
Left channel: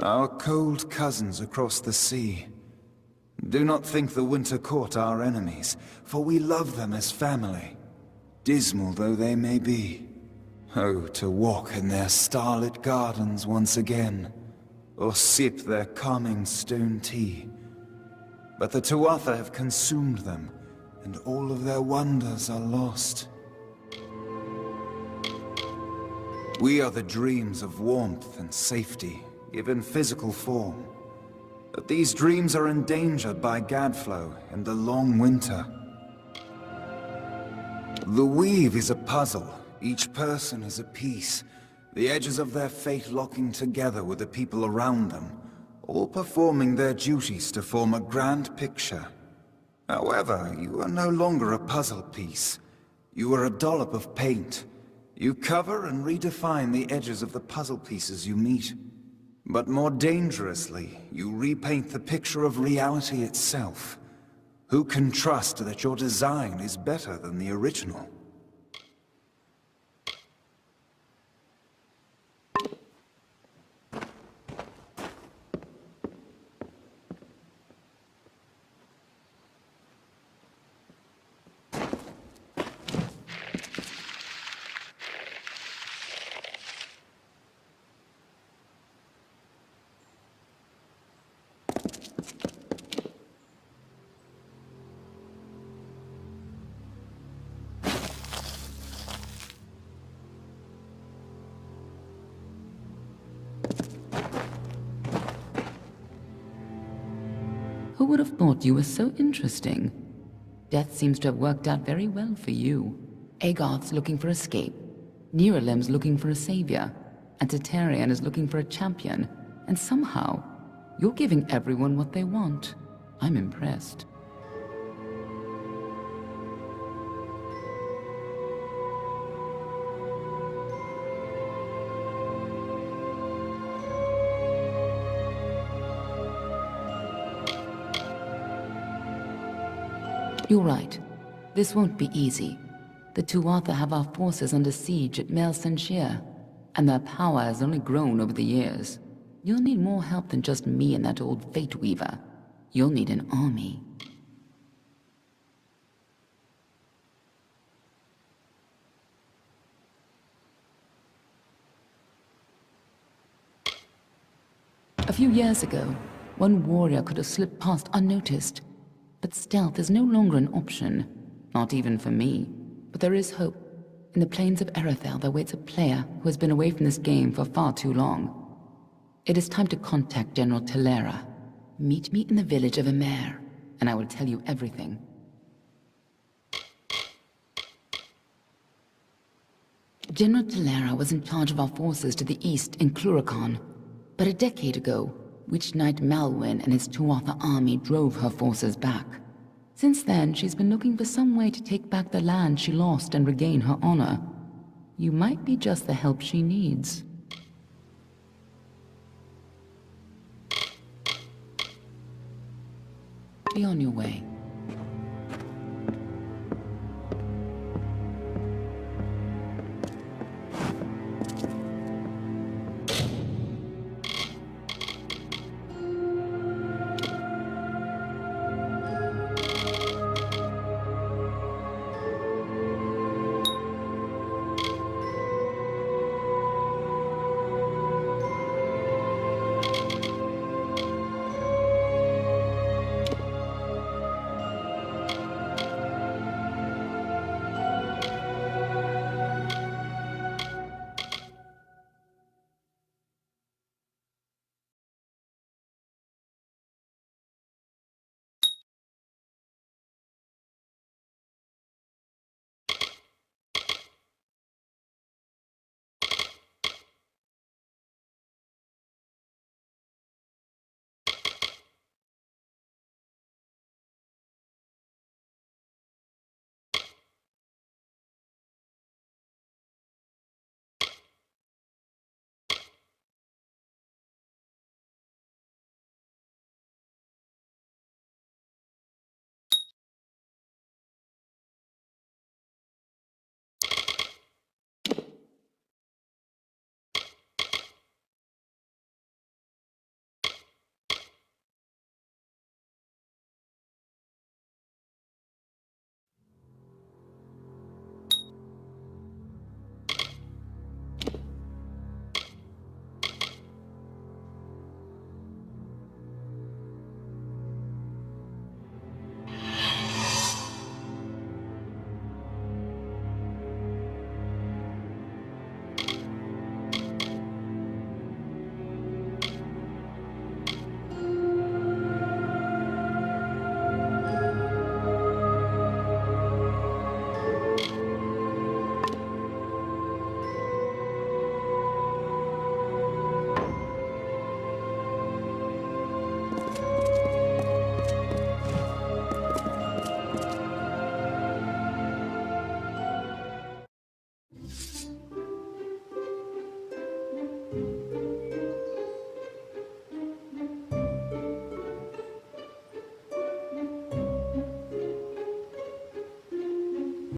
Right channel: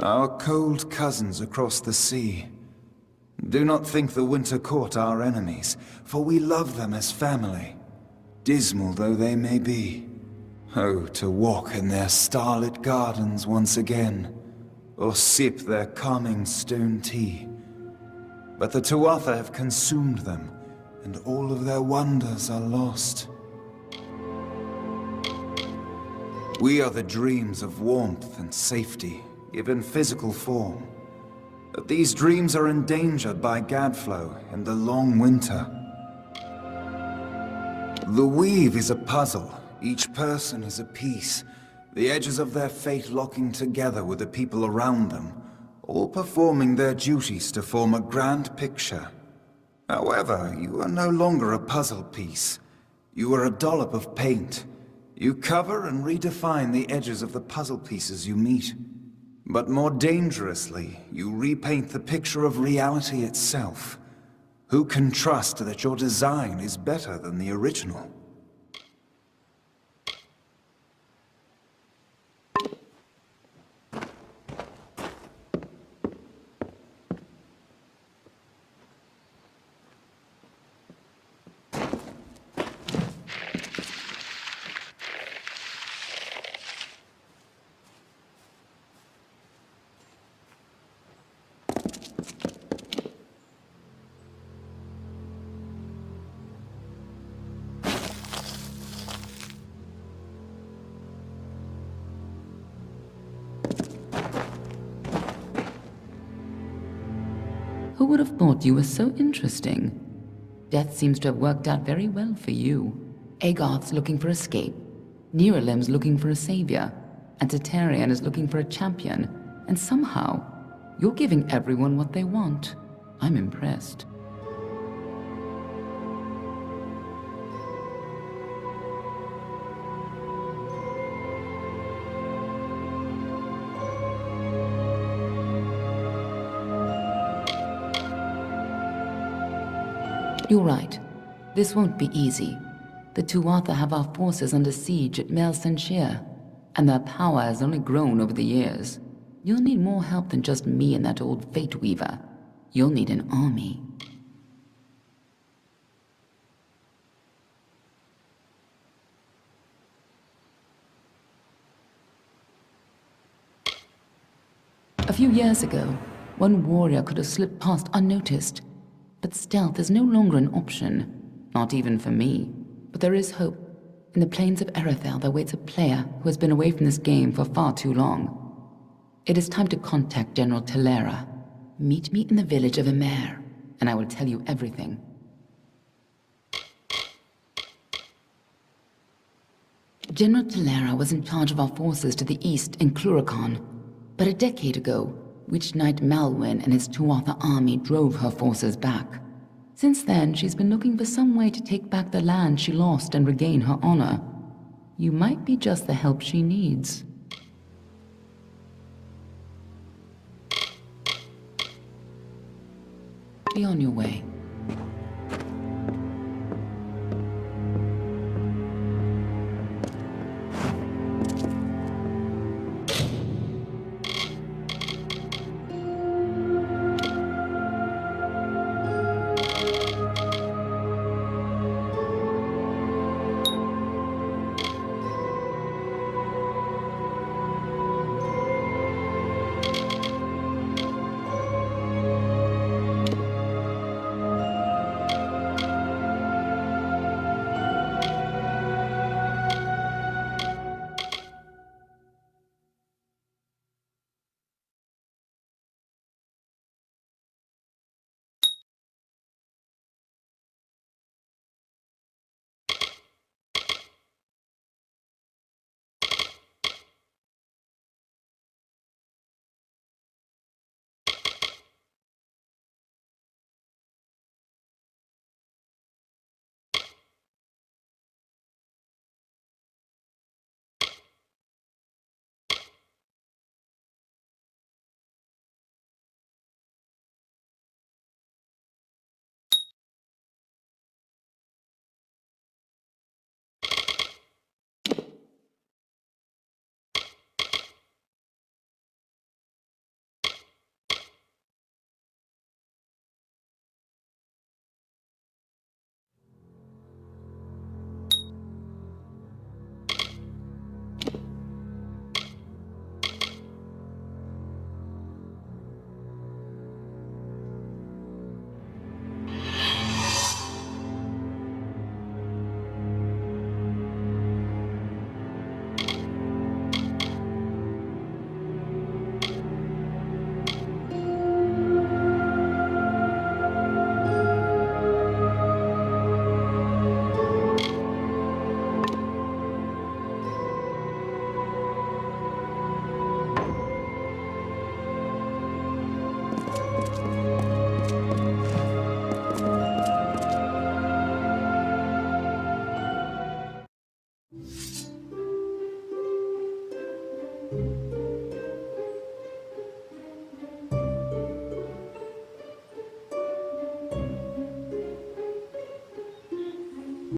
Our cold cousins across the sea. Do not think the Winter Court our enemies, for we love them as family, dismal though they may be. Oh, to walk in their starlit gardens once again, or sip their calming stone tea. But the Tuatha have consumed them, and all of their wonders are lost. We are the dreams of warmth and safety, given physical form. But these dreams are endangered by Gadflow and the long winter. The weave is a puzzle. Each person is a piece, the edges of their fate locking together with the people around them, all performing their duties to form a grand picture. However, you are no longer a puzzle piece. You are a dollop of paint. You cover and redefine the edges of the puzzle pieces you meet. But more dangerously, you repaint the picture of reality itself. Who can trust that your design is better than the original? Who would have thought you were so interesting? Death seems to have worked out very well for you. Agoth's looking for escape. Neuralim's looking for a savior. And Tatarian is looking for a champion. And somehow, you're giving everyone what they want. I'm impressed. You're right. This won't be easy. The Tuatha have our forces under siege at Mel Senshir, and their power has only grown over the years. You'll need more help than just me and that old Fate Weaver. You'll need an army. A few years ago, one warrior could have slipped past unnoticed. But stealth is no longer an option, not even for me. But there is hope. In the plains of Erethel there waits a player who has been away from this game for far too long. It is time to contact General Telera. Meet me in the village of Emer, and I will tell you everything. General Telera was in charge of our forces to the east in Cluracan. But a decade ago, Witch Knight Malwyn and his Tuatha army drove her forces back. Since then, she's been looking for some way to take back the land she lost and regain her honor. You might be just the help she needs. Be on your way.